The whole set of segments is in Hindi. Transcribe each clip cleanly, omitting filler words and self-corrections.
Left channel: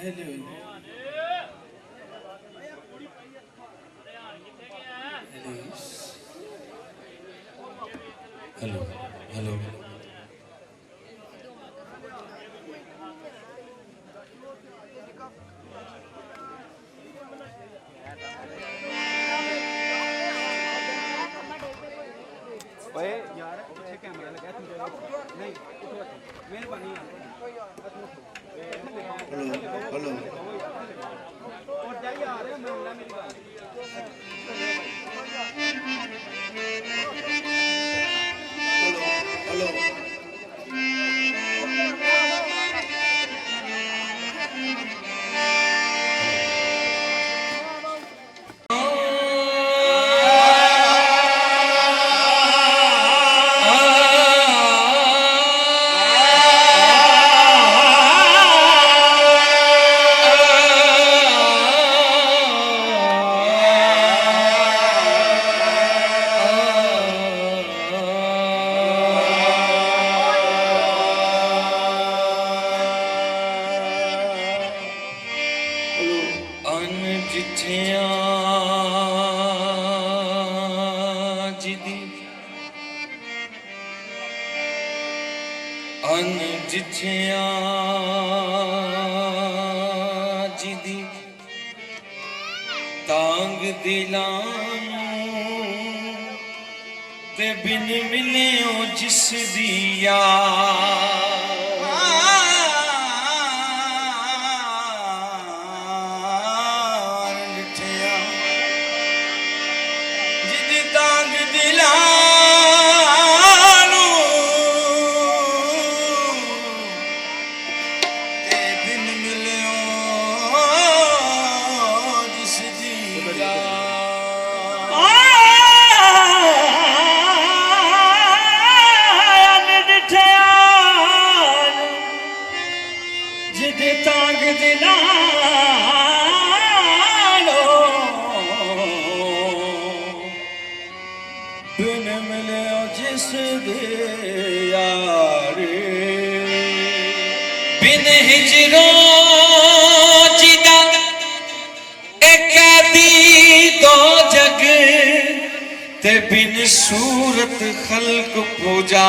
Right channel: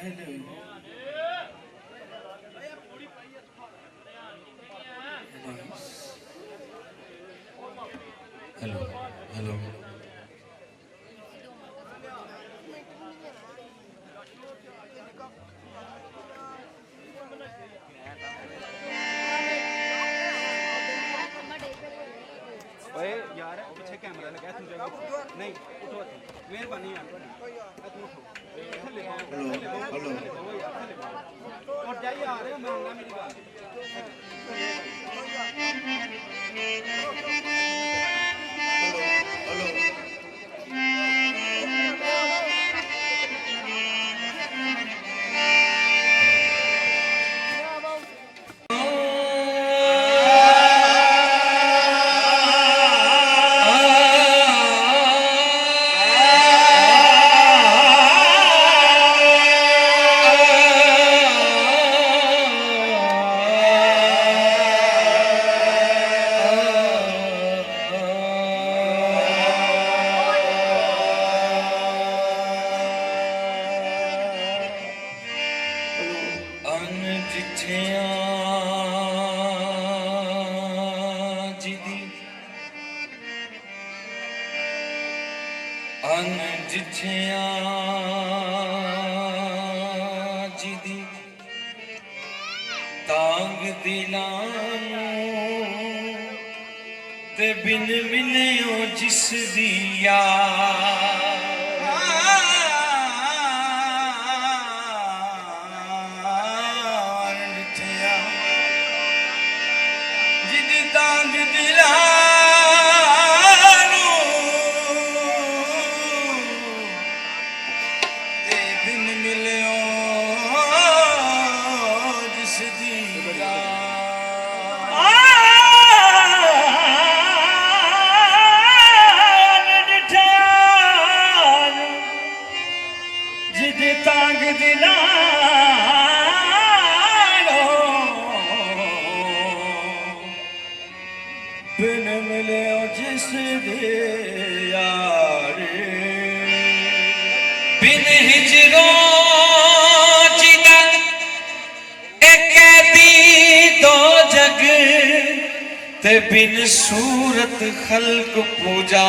हेलो हेलो ओए यार पीछे कैमरा लगा तुम जगह नहीं उठो मेहरबानी यार तुम उठो हेलो और जाइए आ रहे हो मैं मेरी बात हेलो जिदी तांग दिलानू ते बिन मिलियो जिस दिया जिदी तांग दिलानू ते बिन मिलियो जिस दिया जिदी तांग दिलानो बिन मिलियो जिस दिया बिन हिजरो जिदा एक कैदी दो जग ते बिन सूरत खल्क पूजा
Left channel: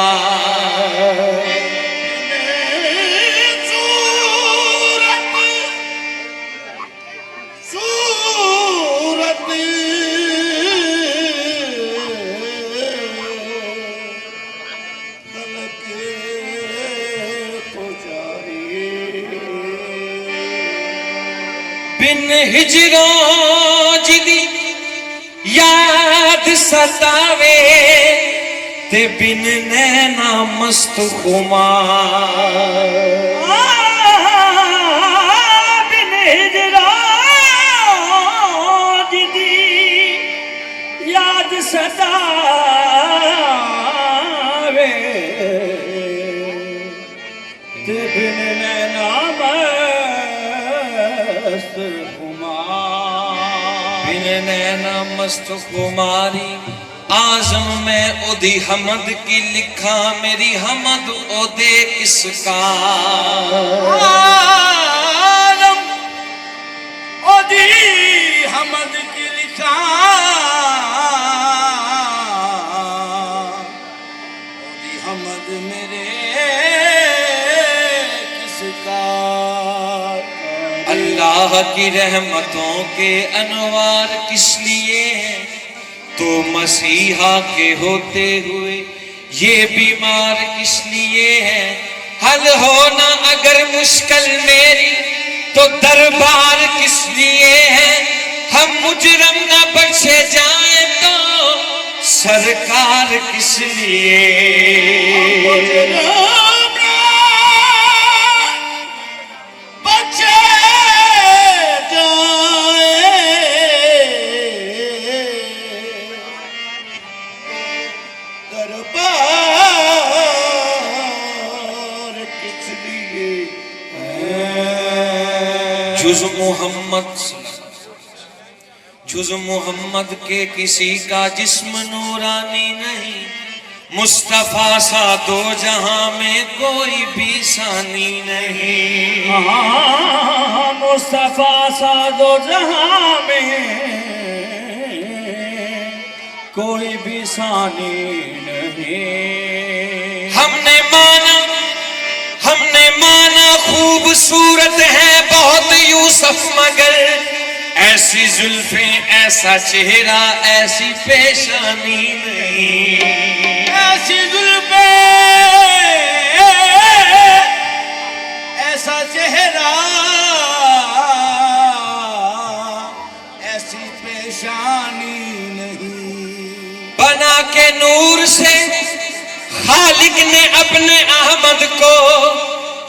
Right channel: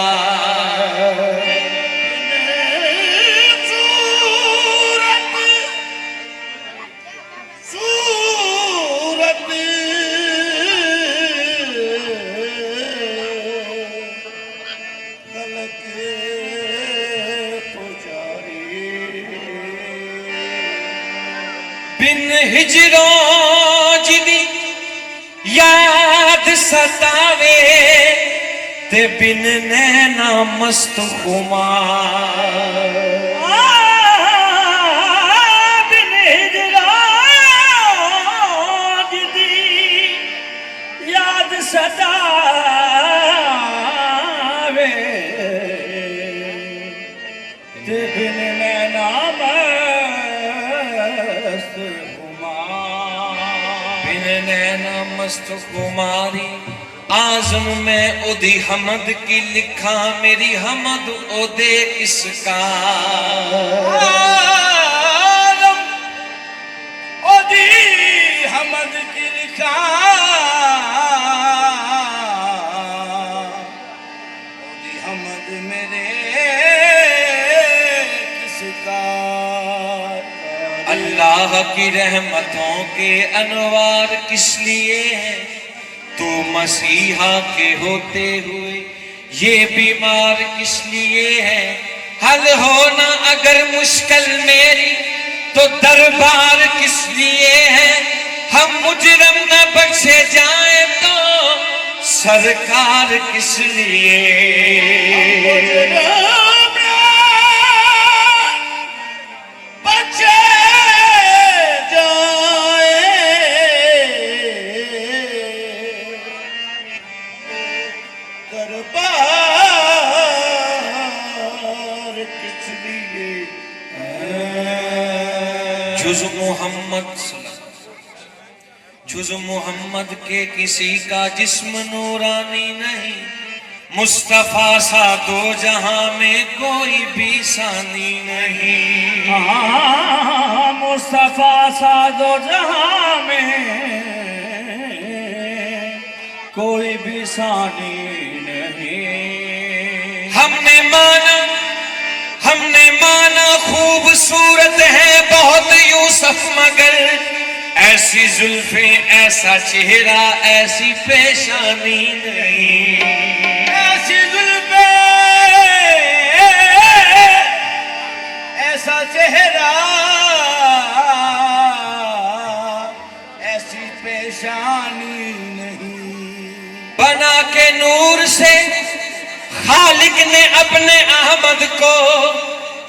बिन हिजरो जिदी याद सतावे ते बिन नैना मस्त खुमार बिन हिजरो जिदी याद सतावे ते बिन नैना मस्त बिन नैना मस्त कुमारी आजम में ओदी हमद की लिखा मेरी हमद ओदे किसका आजम ओदी हमद की लिखा ओदी हमद मेरे किसका अल्लाह की रहमतों के अनवार किस लिए हैं तो मसीहा के होते हुए ये बीमार किस लिए है हल होना अगर मुश्किल मेरी तो दरबार किस लिए है हम मुजरम न बख्शे जाए तो सरकार किस लिए जुज़ मोहम्मद के किसी का जिस्म नूरानी नहीं मुस्तफा सा दो जहां में कोई भी सानी नहीं। मुस्तफा सा दो जहां में कोई भी सानी नहीं। हमने माना खूबसूरत है बहुत यूसुफ, मगर ऐसी जुल्फे ऐसा चेहरा ऐसी पेशानी नहीं। ऐसी जुल्फे ऐसा चेहरा ऐसी पेशानी नहीं। बना के नूर से खालिक ने अपने अहमद को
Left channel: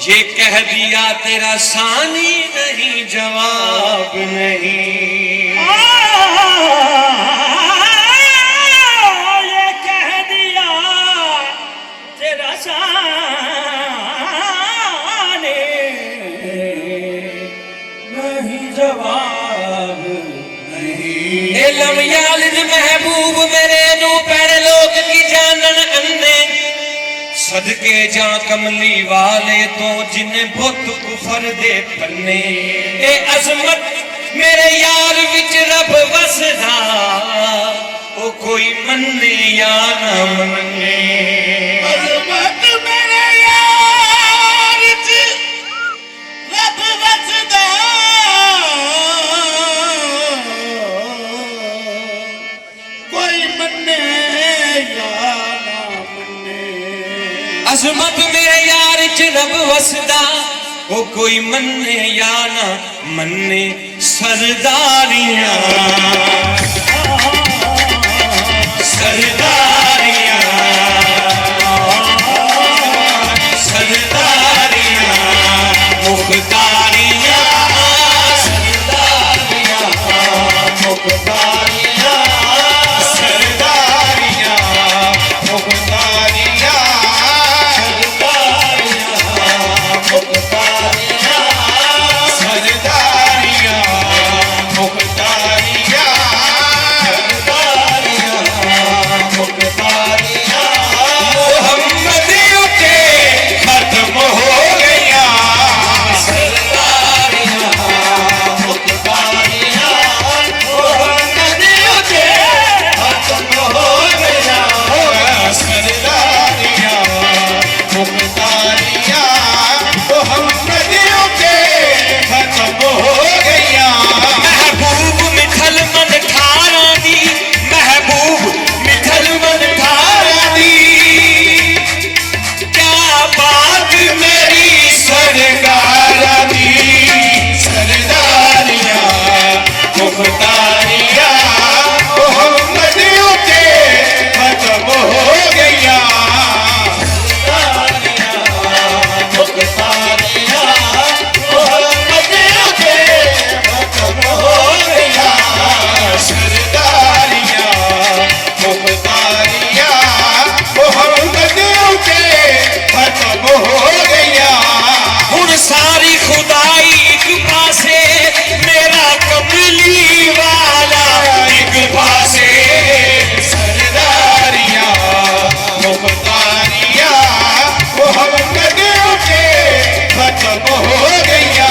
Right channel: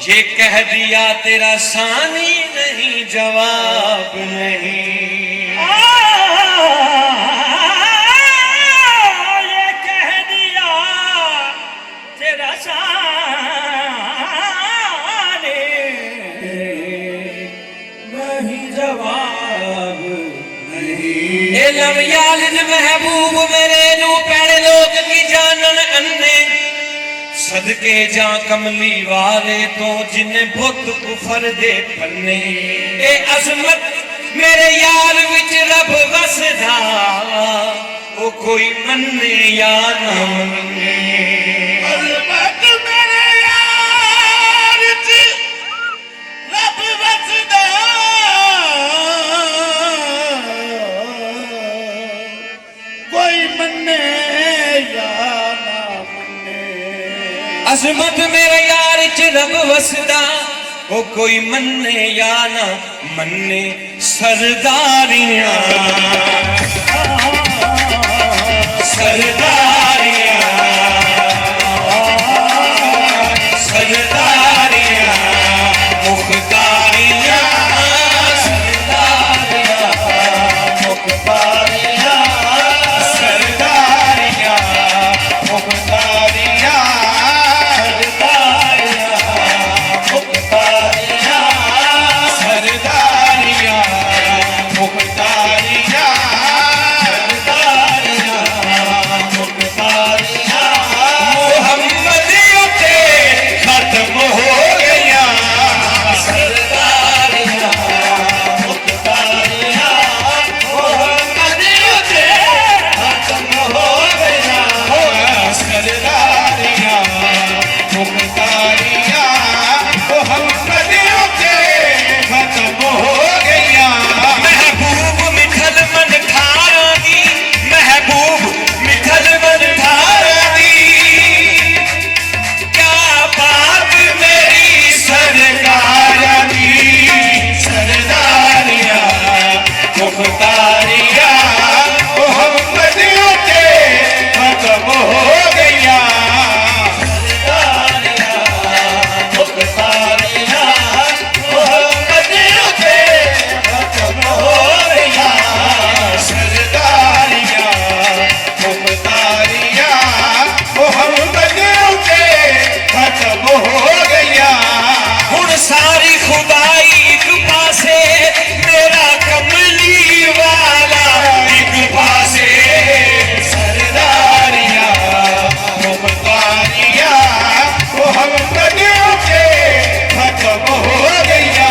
ये कह दिया तेरा सानी नहीं, जवाब नहीं। ये कह दिया तेरा सानी नहीं, जवाब नहीं। इलम यालिन महबूब मेरे नू पैड़े लोग की जानन अन्ने, सदके जा कमली वाले तो जिन्हें बुत कुफर दे पन्ने। ए अजमत मेरे यार विच रब वसदा, ओ कोई मन्ने या ना मन्ने। अजमत मेरे यार विच रब वसदा, कोई मन्ने या ना मन्ने। अजमत मेरे यार च रब वसदा, ओ कोई मन्ने या ना मन्ने। सरदारियां सरदारियां सरदारियां मुख्तारियां सरदारियां मुख्तारियां सरदारियां मुख्तारियां सारी खुदाई एक पासे मेरा कमली वाला एक पासे सरदारियां मुख्तारियां मोहम्मद के खत्म हो गया।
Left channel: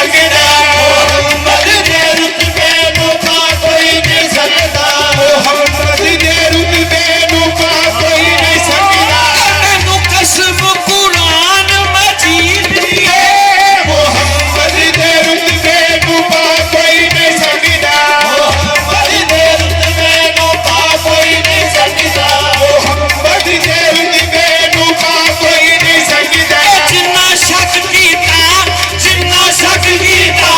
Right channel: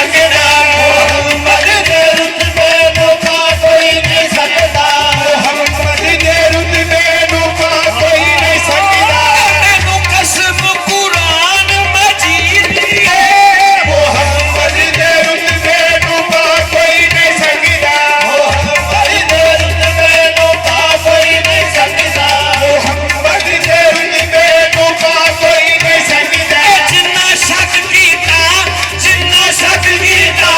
सकदा मोहम्मद दे रुतबे नूं पा कोई नहीं सकदा मोहम्मद दे रुतबे नूं पा कोई नहीं सकदा मैनू कसम कुरान मजीद दी मोहम्मद दे रुतबे नूं पा कोई नहीं सकदा मोहम्मद दे रुतबे नूं पा कोई नहीं सकदा मोहम्मद दे रुतबे नूं पा कोई नहीं सकदा जिन्ना शक कीता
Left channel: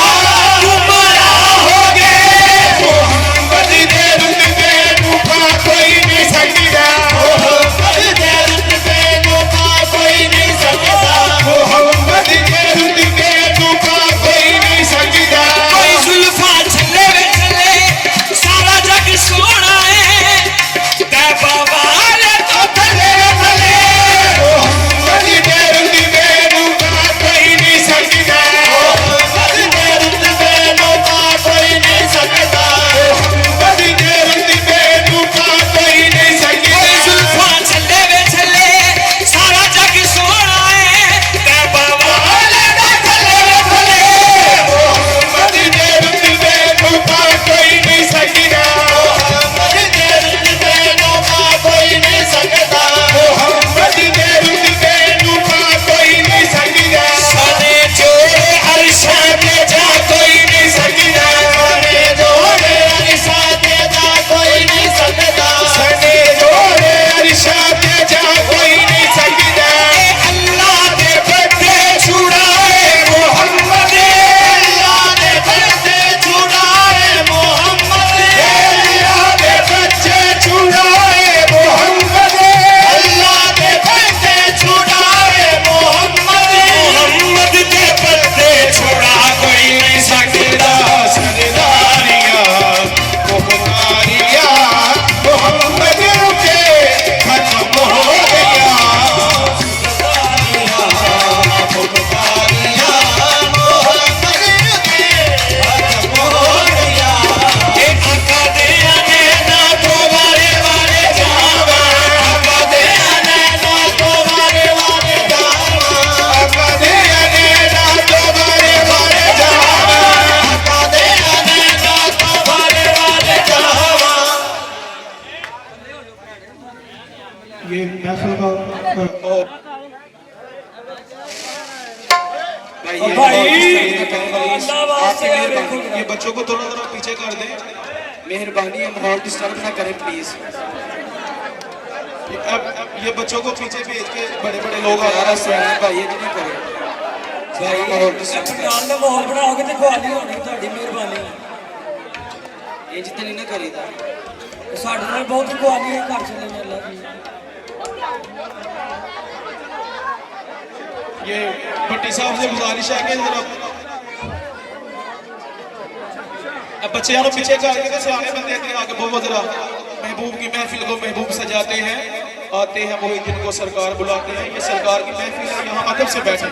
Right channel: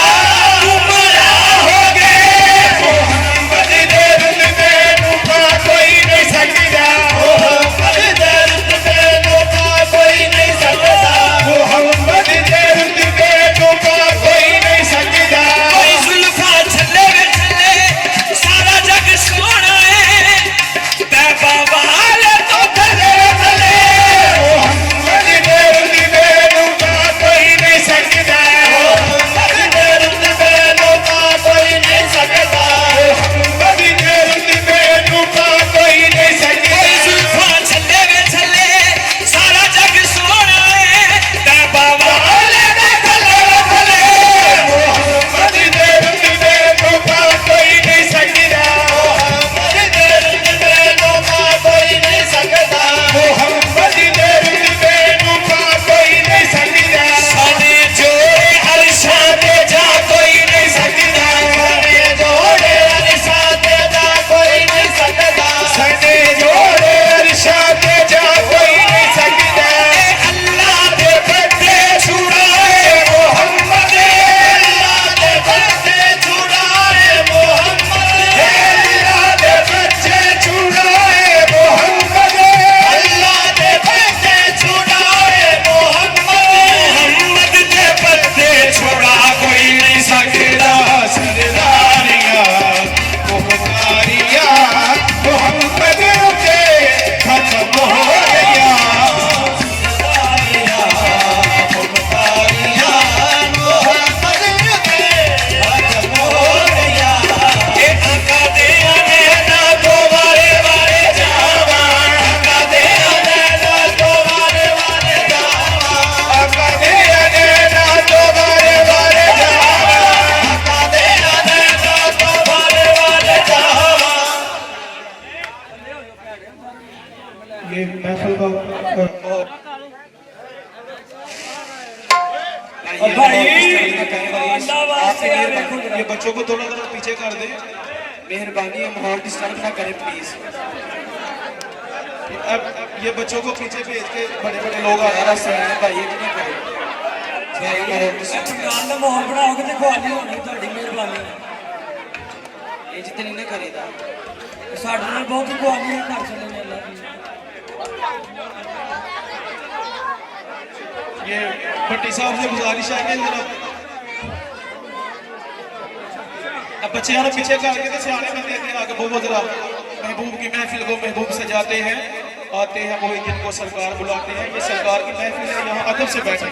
गुमराह हो गए मोहम्मद दे रुतबे नूं पा कोई नहीं सकदा मोहम्मद दे रुतबे नूं पा कोई नहीं सकदा मोहम्मद दे रुतबे नूं पा कोई नहीं सकदा कोई जुल्फा छले सारा जग सोना है तैबा वाले तो थले थले मोहम्मद दे रुतबे नूं पा कोई नहीं सकदा मोहम्मद दे रुतबे नूं पा कोई नहीं सकदा मोहम्मद दे रुतबे नूं पा कोई नहीं सकदा जुल्फा छले सारा जग सोना है तैबा वाले तो थले थले मोहम्मद दे रुतबे नूं पा कोई नहीं सकदा मोहम्मद दे रुतबे नूं पा कोई नहीं सकदा मोहम्मद दे रुतबे नूं पा कोई नहीं सकदा सने जोड़े अरशा के जा कोई नहीं सकदा सने जोड़े अरशा ते जा कोई नहीं सकदा सने जोड़े अरशा ते जा कोई नहीं सकदा अल्लाह दे बंदे छुड़ाए मोहम्मद अल्लाह दे बच्चे छुड़ाए मोहम्मद अल्लाह दे बच्चे छुड़ाए मोहम्मद अल्लाह दे बच्चे छुड़ाए मोहम्मद मोहम्मद दे बंदे छुड़ा कोई नहीं सकदा सरदारिया मुख्तारिया मोहम्मद रुके खत्म हो गया सरदारिया मुख्तारिया मोहम्मद रुके खत्म हो गया ए आका दे आने ना तो वारे वारे जावा आका दे अनैना तो वारे वारे जावा आका दे अनैना तो वारे वारे जावा आका दे अनैना तो वारे वारे जावा ये महफिल का ये बच्चों को थोड़ा थोड़ा पीछे कर दें मेहरबानी है माहौल डिस्टर्ब ना करें प्लीज अब ये बच्चों को पीछे भेज के बड़े बड़े लोग आ रहा है भाई ये नहीं करें दुकान का माहौल बनाओगे तो खुआनी होनी ਤੁਹਾਡੀ ਮਿਹਰਬਾਨੀ ਇਹ ਜਿੱਤੇ ਨਾ ਕਰੀਦਾ ਸਾਡੇ ਨਾਲ ਬਹੁਤ खुआनी है घर चले अल्लाह की ये भट्टी साहब से गुजारिश है कि जरा अब बच्चे यारों पीछे करके तो सियाने बंदे के आगे बहुत जरा महबूब की महफिल को महबूब सजाते हैं आते हैं वो दिन को सरकार बुलाते हैं ये सरकार की महफिल है यहाँ अदब से बैठे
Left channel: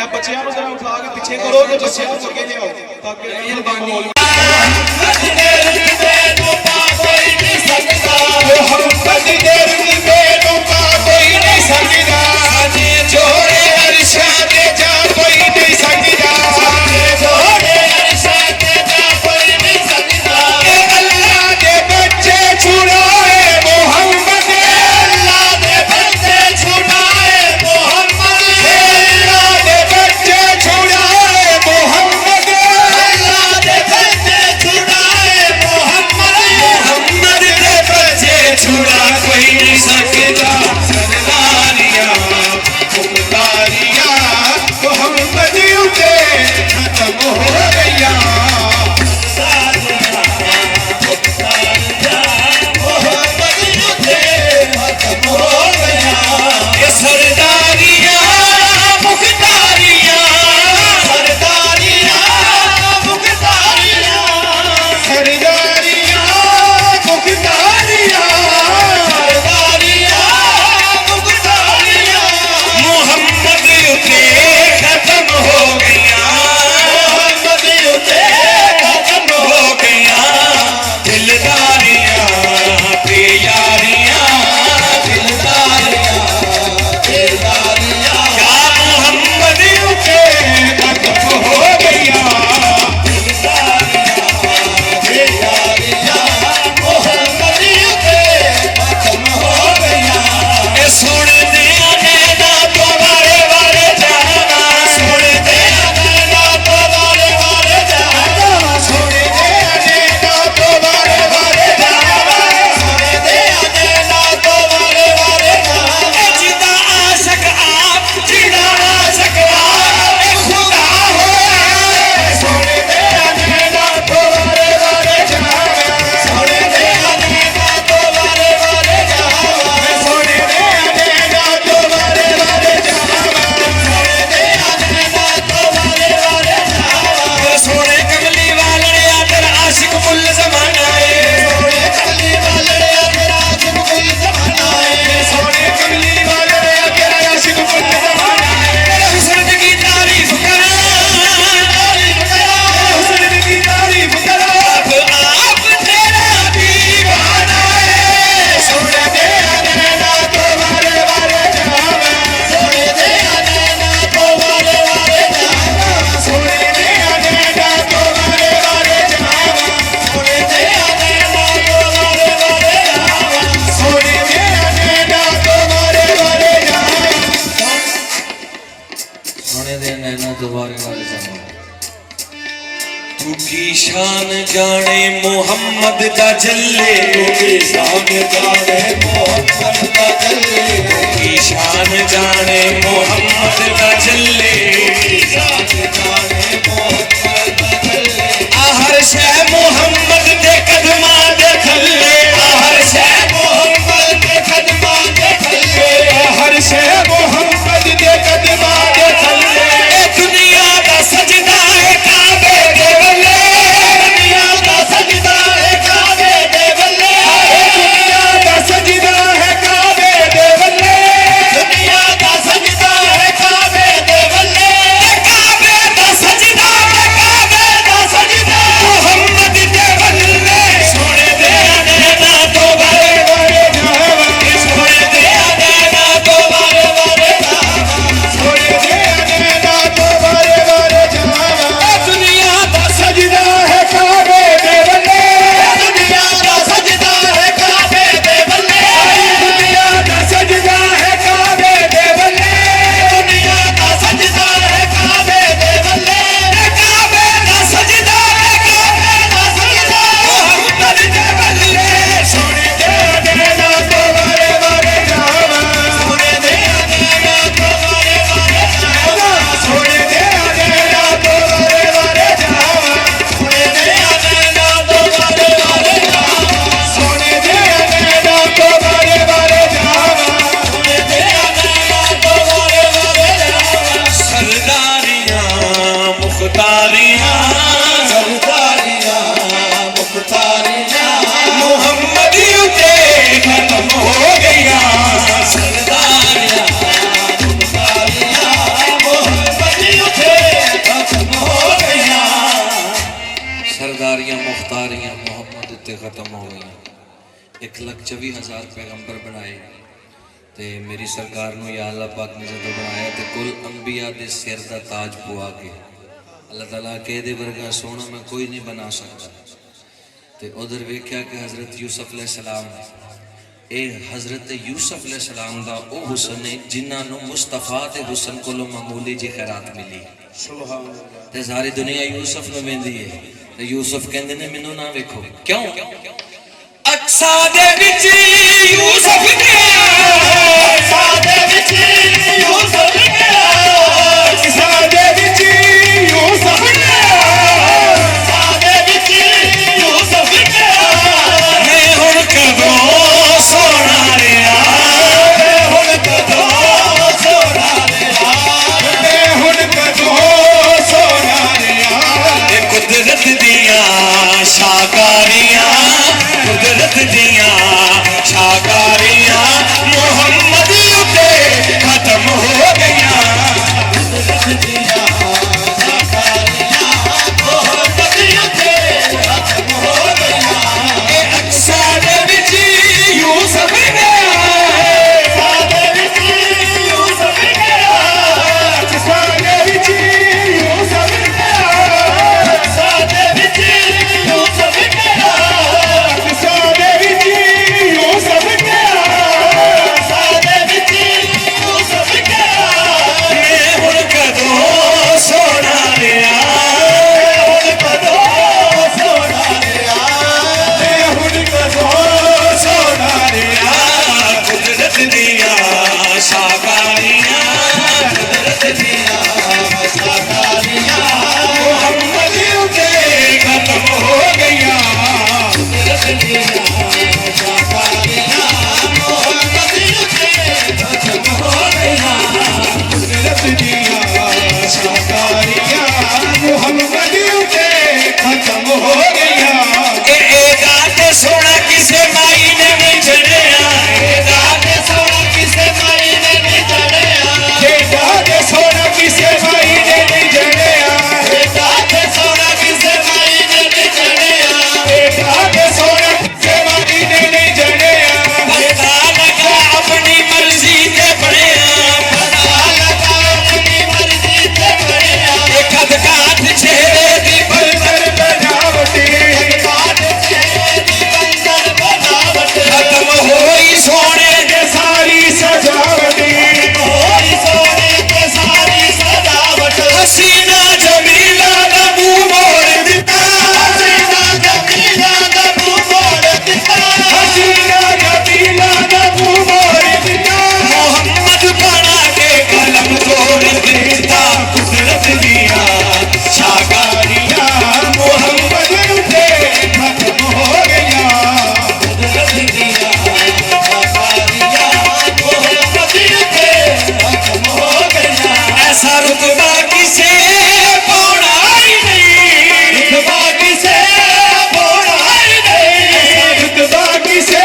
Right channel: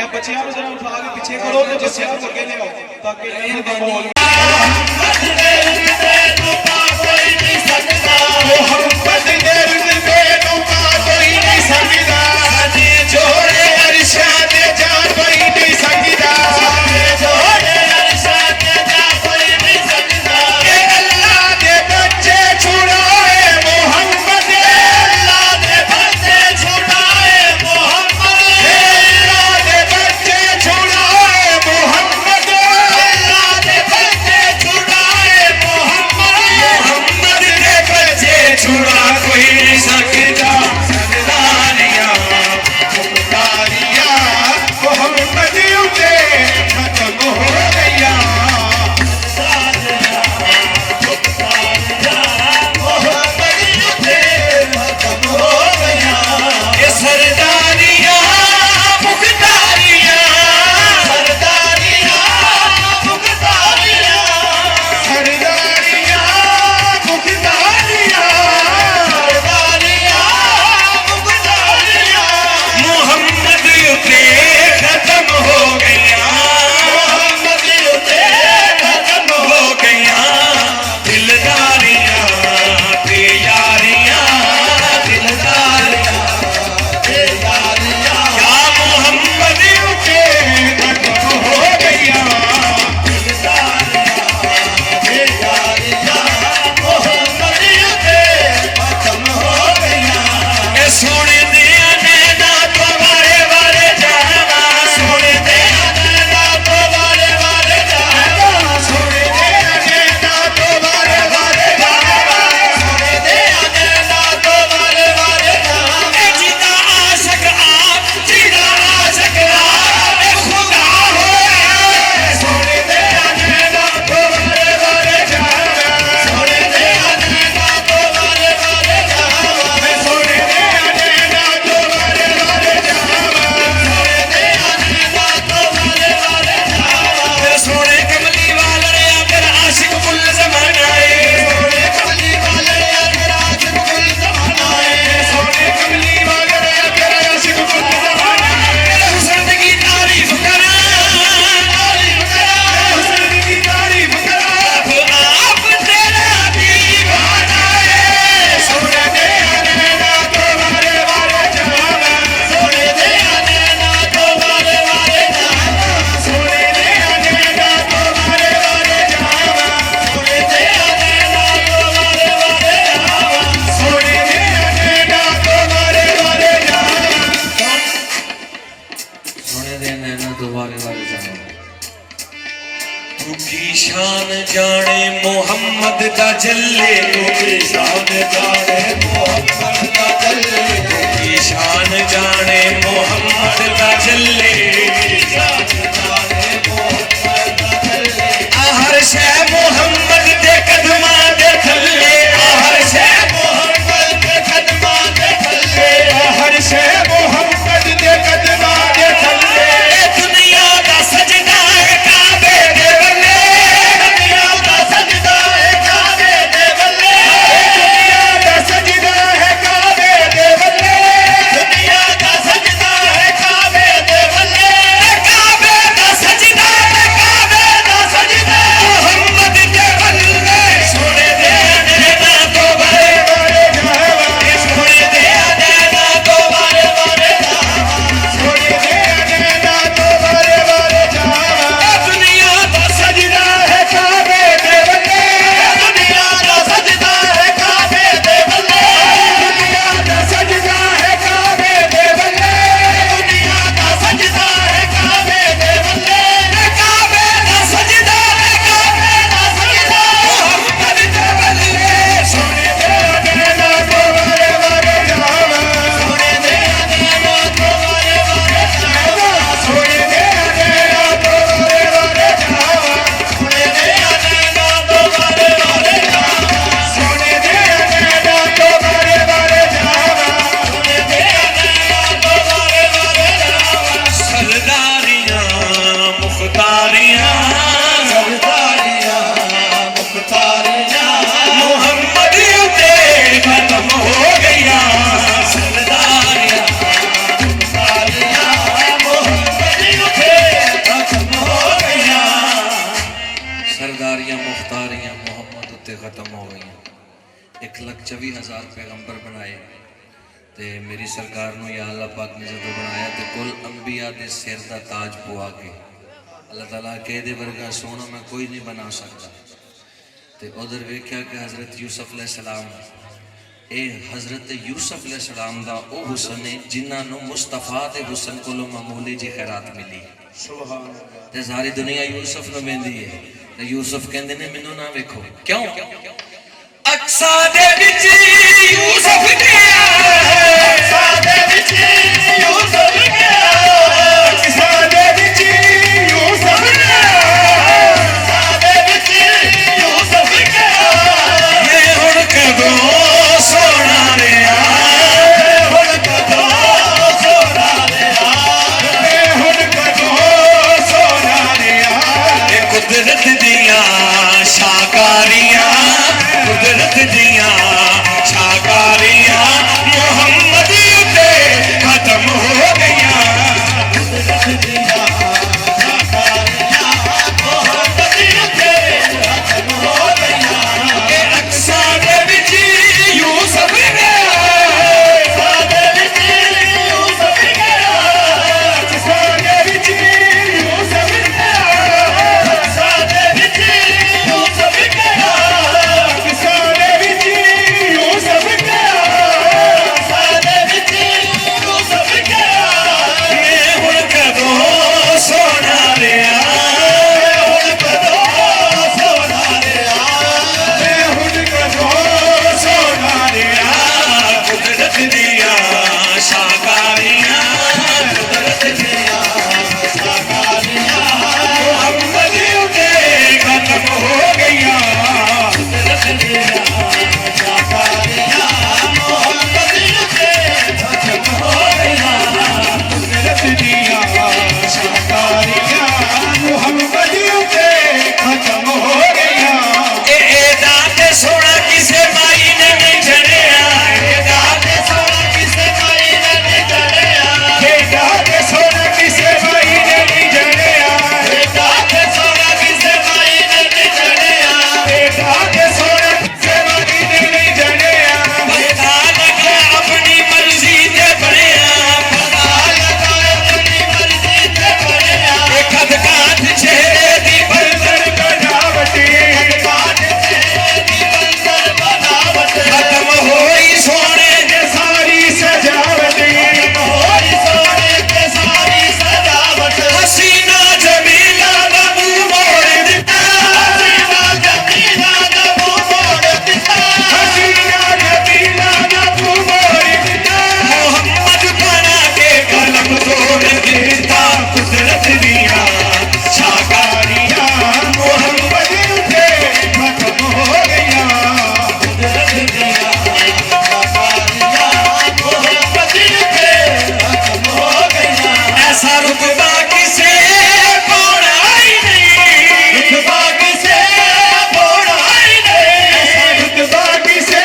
अब बच्चे यारों जरा उठा के पीछे करो तो बच्चे यारों आगे ले आओ ताकि मोहम्मद दे रुतबे नूं पा कोई नहीं सकदा सने जोड़े अरशा ते जा कोई नहीं सकदा सने जोड़े अरशा ते जा कोई नहीं सकदा अल्लाह दे बच्चे छुड़ाए मोहम्मद अल्लाह दे बच्चे छुड़ाए मोहम्मद अल्लाह दे बच्चे छुड़ाए मोहम्मद अल्लाह दे बच्चे छुड़ाए मोहम्मद मोहम्मद दे बच्चे छुड़ा कोई नहीं सकदा सरदारिया दोबारे वाले जाना तू की शान जाने मोहम्मद दा जल्ले तू की शान जाने मोहम्मद दा जल्ले तू की शान जाने मोहम्मद दा जल्ले तू की शान जाने मोहम्मद दा जल्ले हर शय मोहम्मद दे कदमां दे थल्ले हर शय मोहम्मद दे कदमां दे थल्ले हर शय मोहम्मद दे कदमां दे थल्ले दुनिया दा सजदा है काबे दे वल्ले दुनिया दा सजदा है काबे दे वल्ले दुनिया दा सजदा है काबे दे वल्ले दुनिया दा सजदा है काबे दे वल्ले काबे दा सजदा है काबे दा सजदा मोहम्मद दे वल्ले सोने दे नैना तो बारे बारे जावा सोने दे नैना तो बारे बारे जावा सोने दे नैना तो बारे बारे जावा दुनिया दा सजदा है काबे दे वल्ले दुनिया दा सजदा है काबे दे वल्ले दुनिया दा सजदा है काबे दे वल्ले दुनिया दा सजदा है काबे दे वल्ले काबे दा सजदा है काबे दा सजदा मोहम्मद दे वल्ले सोने दे नैना तो बारे बारे जावा सोने दे नैना तो बारे बारे जावा सोने दे नैना तो बारे बारे जावा सोने दे नैना तो बारे बारे जावा सोने दे नैना तो बारे बारे जावा सोने दे नैना तो बारे बारे जावा सरदारियां मुख्तारियां सरदारियां मुख्तारियां मोहम्मद उते खत्म हो गया सरदारियां मुख्तारियां मोहम्मद उते खत्म हो गया सरदारियां मुख्तारियां मोहम्मद उत्ते खत्म हो गई 1,24,000 पैगंबर बनाए ते मेरी सरकार नूं या अल्लाह पाक ने जदों बनाया तो कुल अंबिया दे सिर दा ताज पवा के अल्लाह ताला के दे वर्गा सोना मैं कोई नहीं बना सकता ते उधर वेख्या कि हजरत यूसुफ अलैहिस्सलाम ए हजरत यूसुफ अलैहिस्सलाम दा ओ हुस्न है जिन्हां नूं मुस्तफा दे हुस्न कोलों मामूली जी खैरात मिली सुभान अल्लाह ते सारी दुनिया यूसुफ नूं वेंदी है ते यूसुफ कहंदे ने मैनू ना वेखो क्यों अक्सा दे विच यूसुफ गया अक्सा दे विच यूसुफ गया अक्सा दे विच यूसुफ गया अक्सा दे विच यूसुफ गया मैं हुण कदों सोना लिया हुण कदों सोना लिया मैं हुण कदों सोना लिया कुदरत दियां शाकारियां कुदरत दियां शाकारियां मोहम्मद उते खत्म हो गया कुदरत दियां शाकारियां मोहम्मद उते खत्म हो गया ए अक्सा दे विच यूसुफ गया अक्सा दे विच यूसुफ गया अक्सा दे विच यूसुफ गया अक्सा दे विच यूसुफ गया अक्सा दे विच यूसुफ गया अक्सा दे विच यूसुफ गया मैं हुण कदों सोना लिया हुण कदों सोना लिया मैं हुण कदों सोना लिया कुदरत दियां शाकारियां कुदरत दियां शाकारियां मोहम्मद उते खत्म हो गया कुदरत दियां शाकारियां मोहम्मद उते खत्म हो गया कुदरत दियां शाकारियां मोहम्मद उते खत्म हो गया ए दात सोना किसे माई ने नहीं चढ़िया ए दात सोना किसे माई ने नहीं चढ़िया ए दात सोना किसे माई ने नहीं चढ़िया ए दात सोना किसे माई ने नहीं चढ़िया ए दात सोना किसे माई ऐसा रुतबा किसे बोड़ा ही नहीं, रुतबा किसे बोड़ा ही नहीं, रुतबा किसे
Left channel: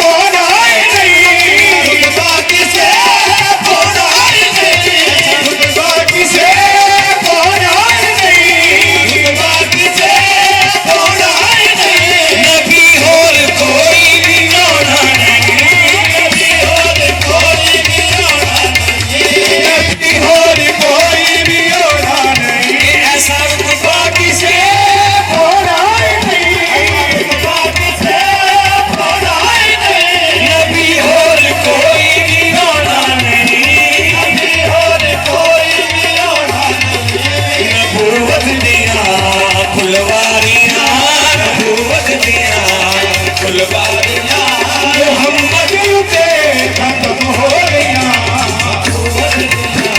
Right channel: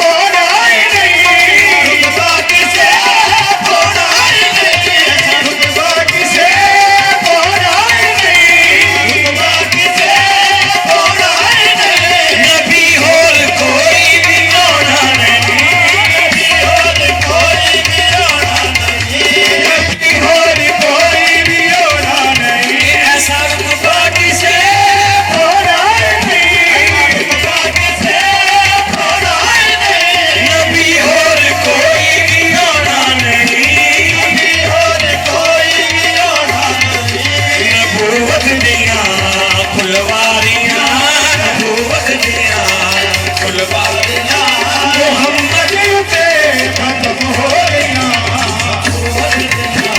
बोड़ा ही नहीं, रुतबा किसे बोड़ा ही नहीं, रुतबा किसे बोड़ा ही नहीं, रुतबा किसे बोड़ा ही नहीं। नबी और कोई भी होना नहीं, नबी और कोई भी होना नहीं, नबी और कोई भी होना नहीं। ऐसा रुतबा किसे बोड़ा ही नहीं, रुतबा किसे बोड़ा ही नहीं, नबी और कोई भी होना नहीं, नबी और कोई भी होना नहीं। नबूवत दिया फुलवारियां, नबूवत दिया फुलवारियां, मोहम्मद पे खत्म हो गया, नबूवत दिया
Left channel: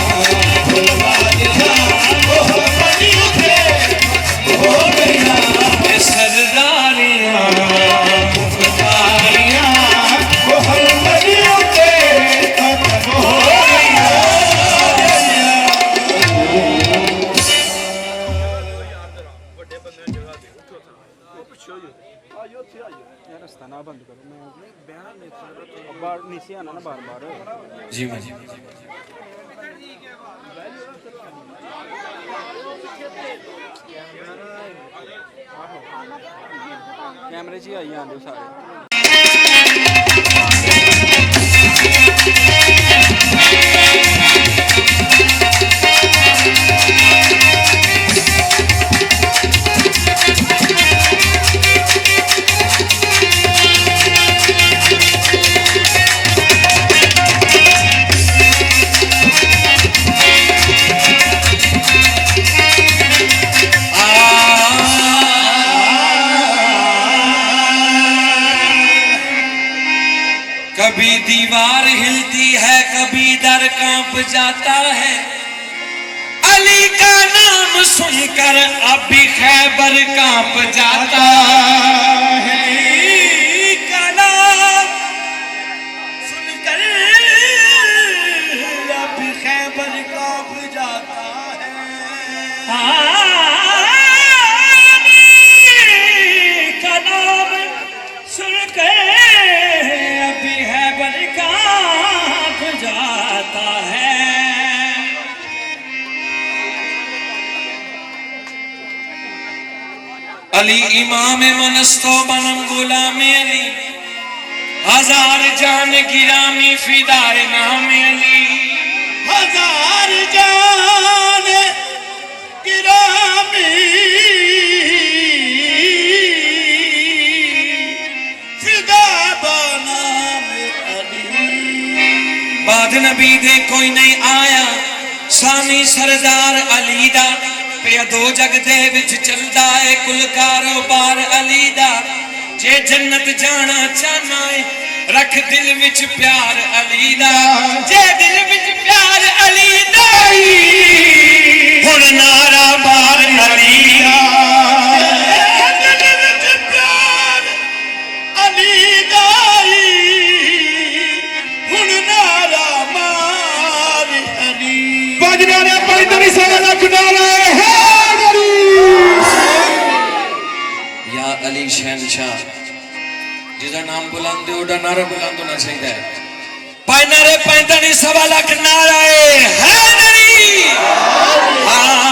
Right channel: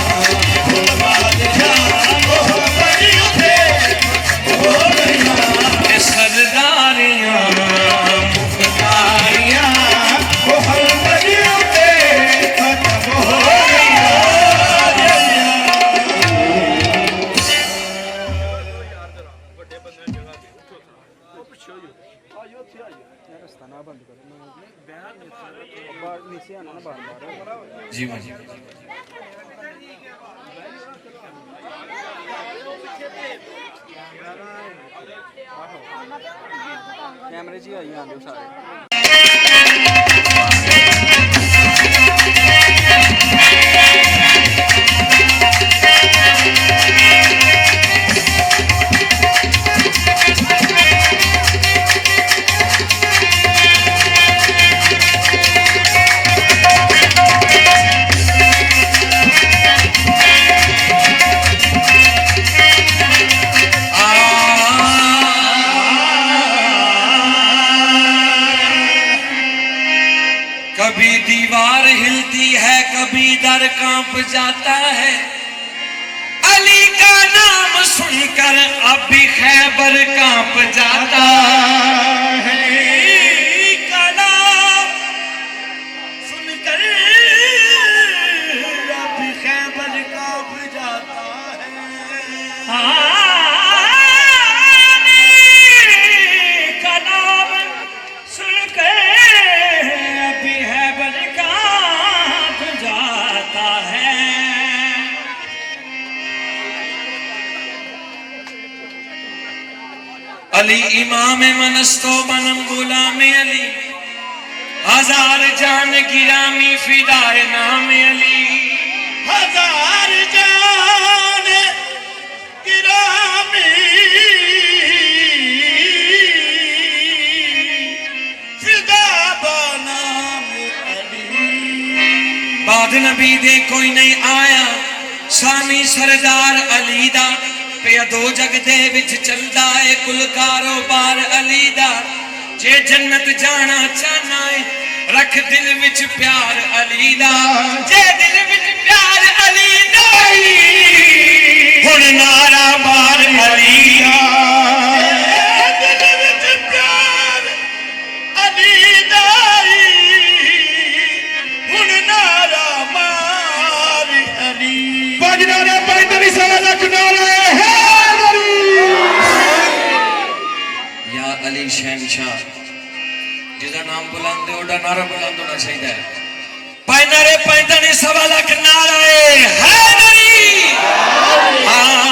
फुलवारियां, मोहम्मद पे हो गया, ये सरदारियां मुख्तारियां, मोहम्मद पे खत्म हो गया। जी भाई कैमरे च आई आंदे सारे। कभी दीवार हिलती है, कभी दर कांप जाता है, अली का नाम सुनकर अब भी खैबर कांप जाता है, अली का नाम सुनकर अब भी खैबर कांप जाता है, अली का नाम सुनकर अभी है बरकात जाता है। अली इमाम मनस्तो बनम गुलाम अली, हजार जान गिरामी फिदाए नाम अली, हजार जान गिरामी फिदा बनाम अली। बाद नबी दे कोई नहीं आया, सानी सरदार अली दा पिया दो जग दे विच चलदा है, कुल कारोबार अली दा। जे जन्नत जाना चाहना है, रख दिल विच प्यार अली दा, जे दिल विच प्यार अली दा हुण नारा बार अली दा, दिल विच प्यार अली दा हुण नारा मार अली। बजना ने 45 लाख नारा है या अली शहनशाह, जिसका नाम बुलंद है उड़ा नारा बुलंद होना चाहिए। पाई नारे 45 लाख नारा हैदरी, हाँ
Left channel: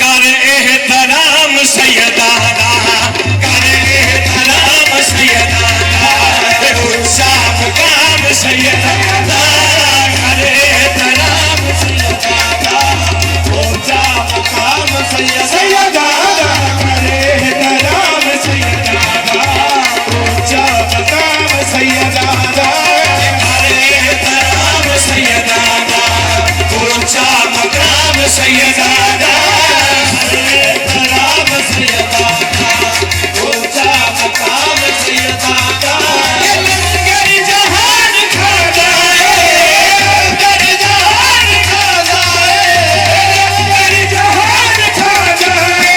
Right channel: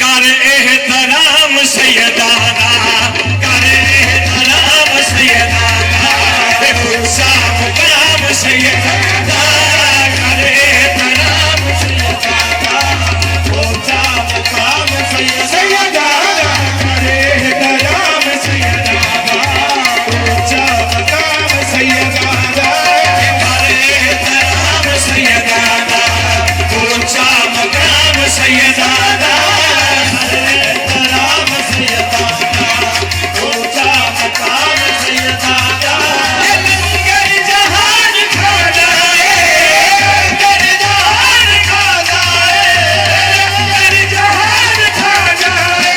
कर एहतराम सैयदाना, कर एहतराम सैयदाना, ऊंचा मुकाम सैयदाना, कर एहतराम सैयदाना, ऊंचा मुकाम सैयदाना, करे कलाम सैयदाना, ऊंचा मकाम सैयदाना, सैयदाना, ऊंचा मकाम सैयदाना, कलाम सैयदाना, ऊंचा मकाम सैयदाना। लंगर जहान खा जाए, लंगर जहान खा जाए, लंगर जहान खा जाए,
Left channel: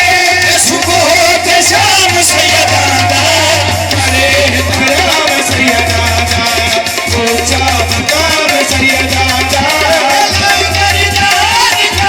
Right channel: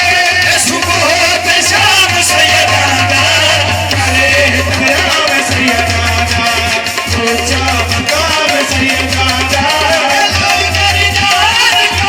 सुबह होते शाम सैयदाना, करे कलाम सैयदाना, ऊंचा मकाम सैयदाना। लंगर जहान खा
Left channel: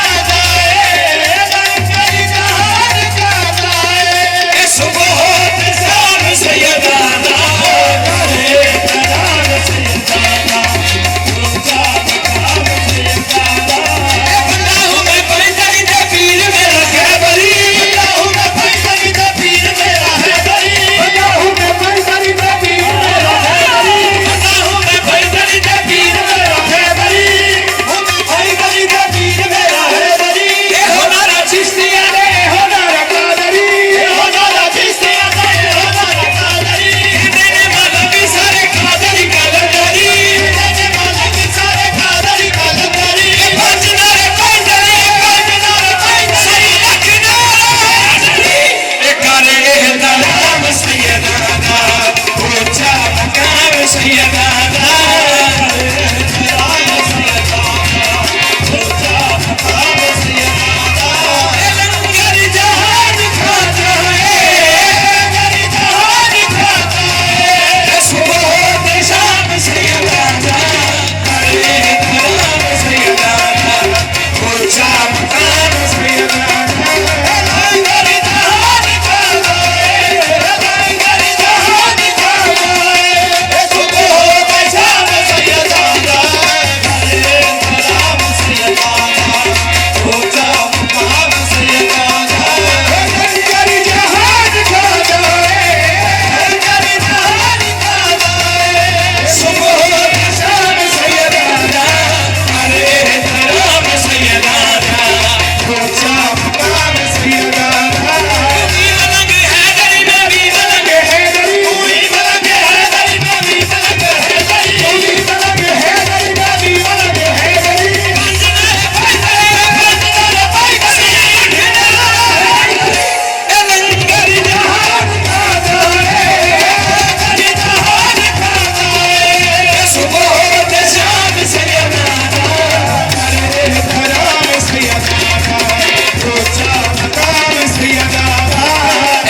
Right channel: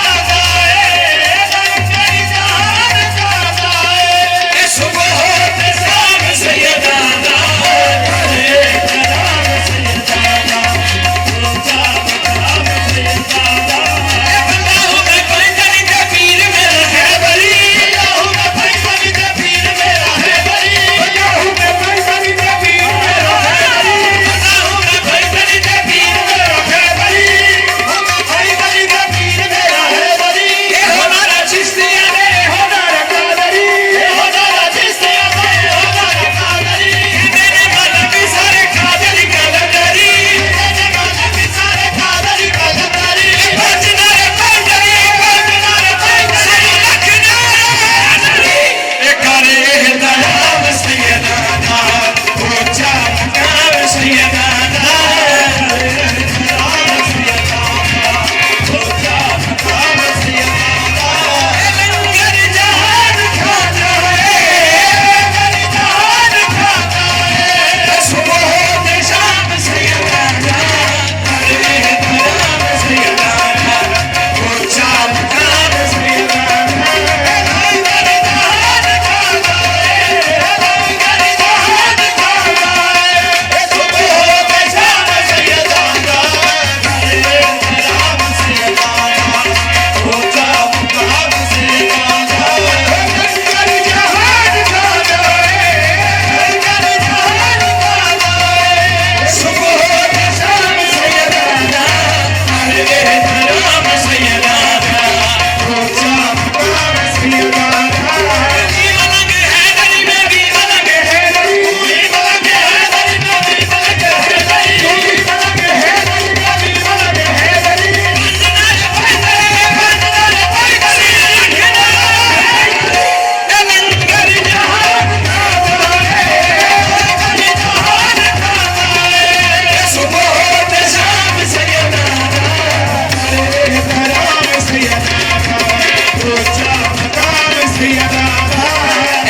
सैयदा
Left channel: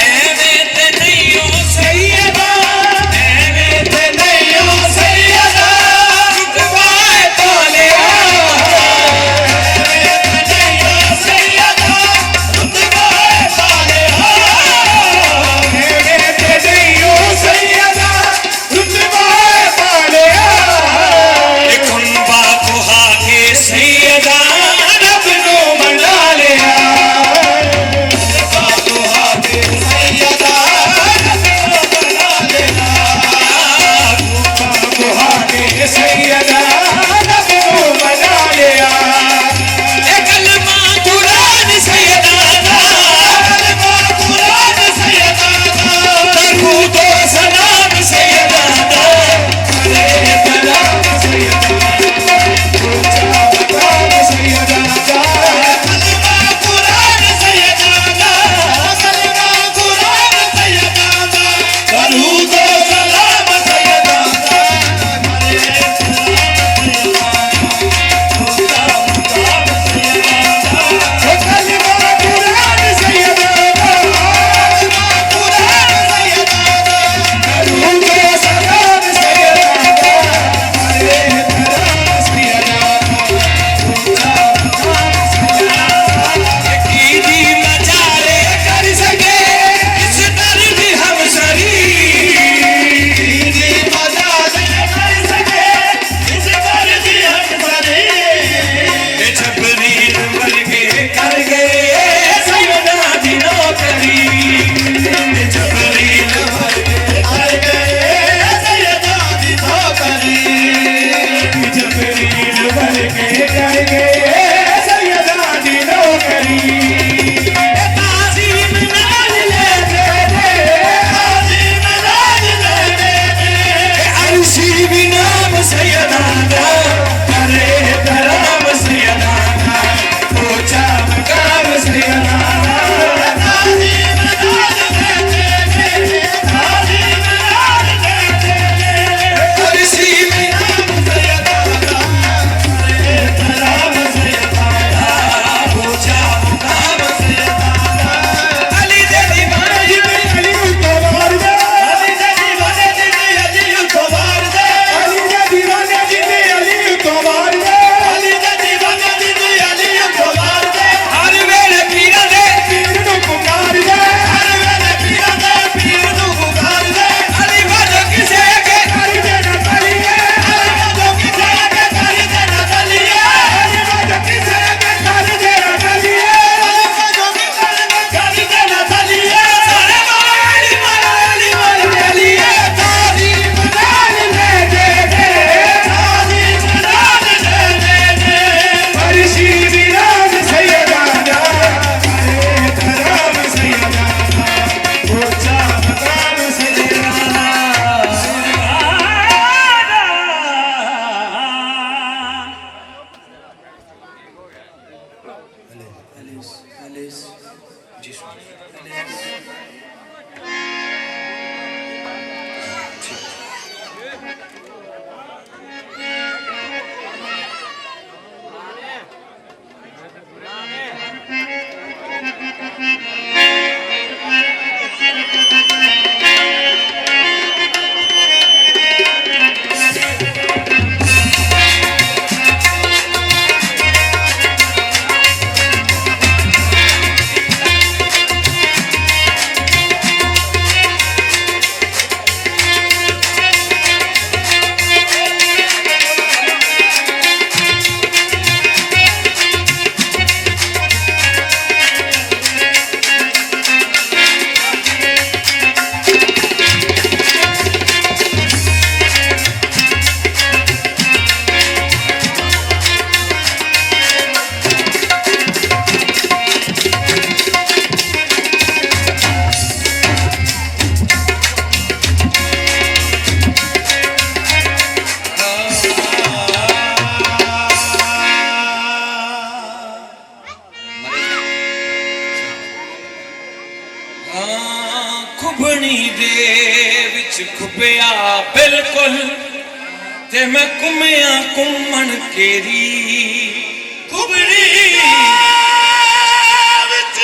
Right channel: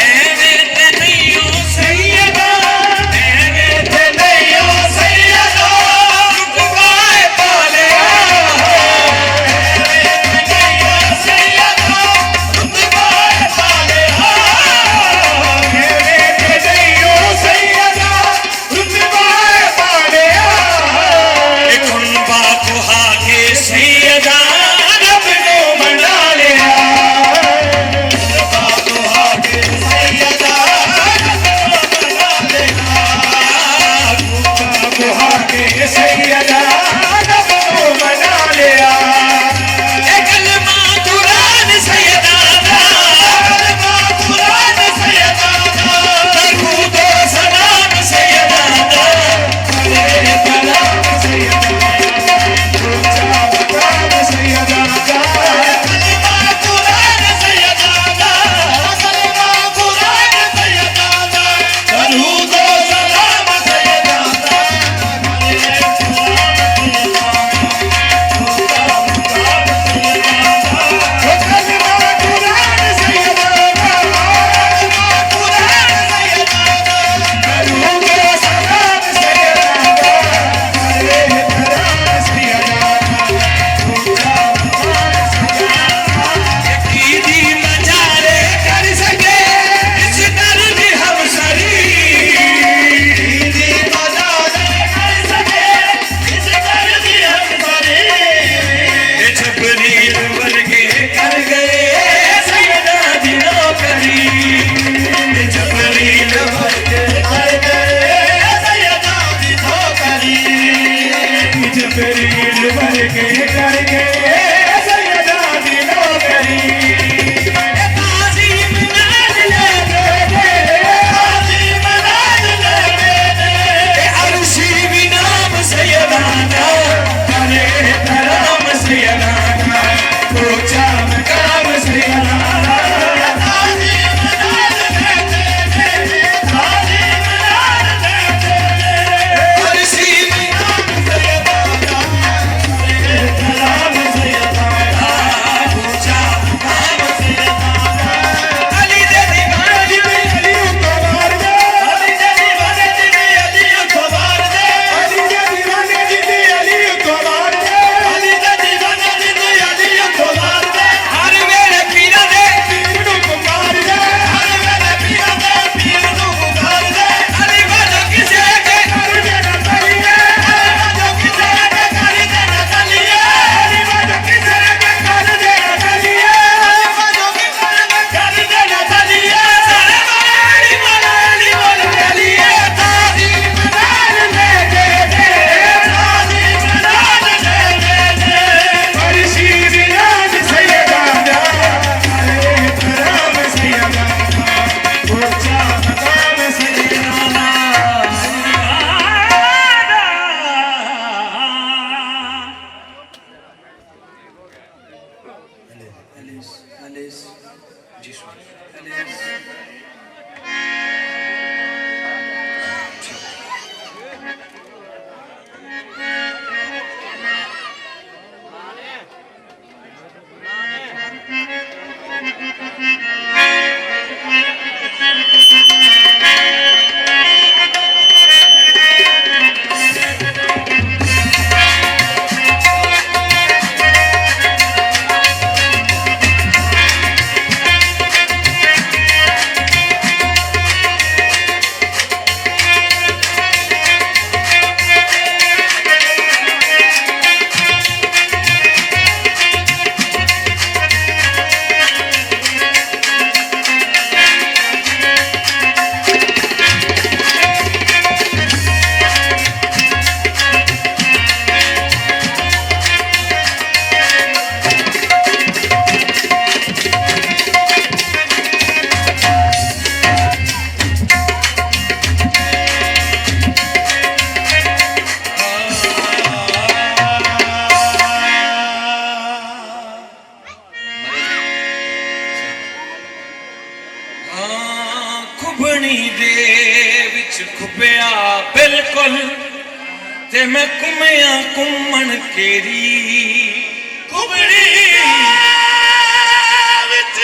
ਐਵੇਂ ਤੇ ਨਹੀਂ ਓ सैयदा ਐਵੇਂ ਤੇ ਨਹੀਂ ਓ सैयदा ਰੁਤਬਾਏ ਪਾਲਿਆ ਇੱਕ ਹੁਣ ਬਾਪੂ ਹਾ ਕੇ ਸੈਯਦਾ ਰੱਬ ਨੂੰ ਮਨਾ ਲਿਆ ਬਾਪੂ ਹਾ ਕੇ ਸੈਯਦਾ ਰੱਬ ਨੂੰ ਮਨਾ ਲਿਆ सैयदा रब को मना लिया ਇਹ ਕਲਮਾ ਕੁਰਾਨ ਸੈਯਦਾ ਦਾ कलमा कुरान सैयदा ਦਰੂਦ ਸਲਾਮ ਸੈਯਦਾ ਦਾ अरे कलाम सैयदा ऊंचा मकाम सैयदा ਕਲਮਾ ਕੁਰਾਨ ਸੈਯਦਾ ਦਾ कलमा कुरान सैयदा ਦਰੂਦ ਸਲਾਮ ਸੈਯਦਾ ਦਾ कलमा कुरान सैयदा कुरान सैयदा करूंगा सलाम सैयदा अरे कलाम सैयदा ऊंचा मकाम सैयदा कीदी नजारे कर सके इस दर्द हम सरी दीदी मदद कर सके इस दर्द हम सारे ये जबरील वर्गे कर गए सैयदा दी नौकरी ये जबरील वर्गे कर गए सैयदा दी ठोकरी जबरील वर्गे कर गए सैयदा दी नौकरी ताज़ीम नाल ले हाज़िम नाल ले अरशी भी नाम सैयदा दा अरे कलाम सैयदा ऊंचा मकाम सैयदा हाज़िम नाल ले हाज़िम नाल ले अरशी भी नाम सैयदा अरे कलाम सैयदा ऊंचा मकाम सैयदा अली दे दीवाने अली उतवार दे अली दे दीवाने अली उतवार दे अली दे दीवाने अली उतवार दे अली दे दीवाने अली उतवार दे हर वेले पीरा दे पीर नु पुकार दे हर वेले पीर नु पुकार दे अली वालो किसे के कर दे ना कलिए अली वालो किसे के कर दे ना कलिए अली वालो किसे के कर दे ना कलिए अली वालो किसे के कर दे ना कलिए अली वाला कलिए तारीफ नाल ले दे तारीफ नाल ले दे फरशी बिराज सैयदा अरे कलाम सैयदा ऊंचा मकाम सैयदा खुबनी दे विच खुपिया बिल्कुल ते मैं घुमिया घुमन तेरी खुबनी विच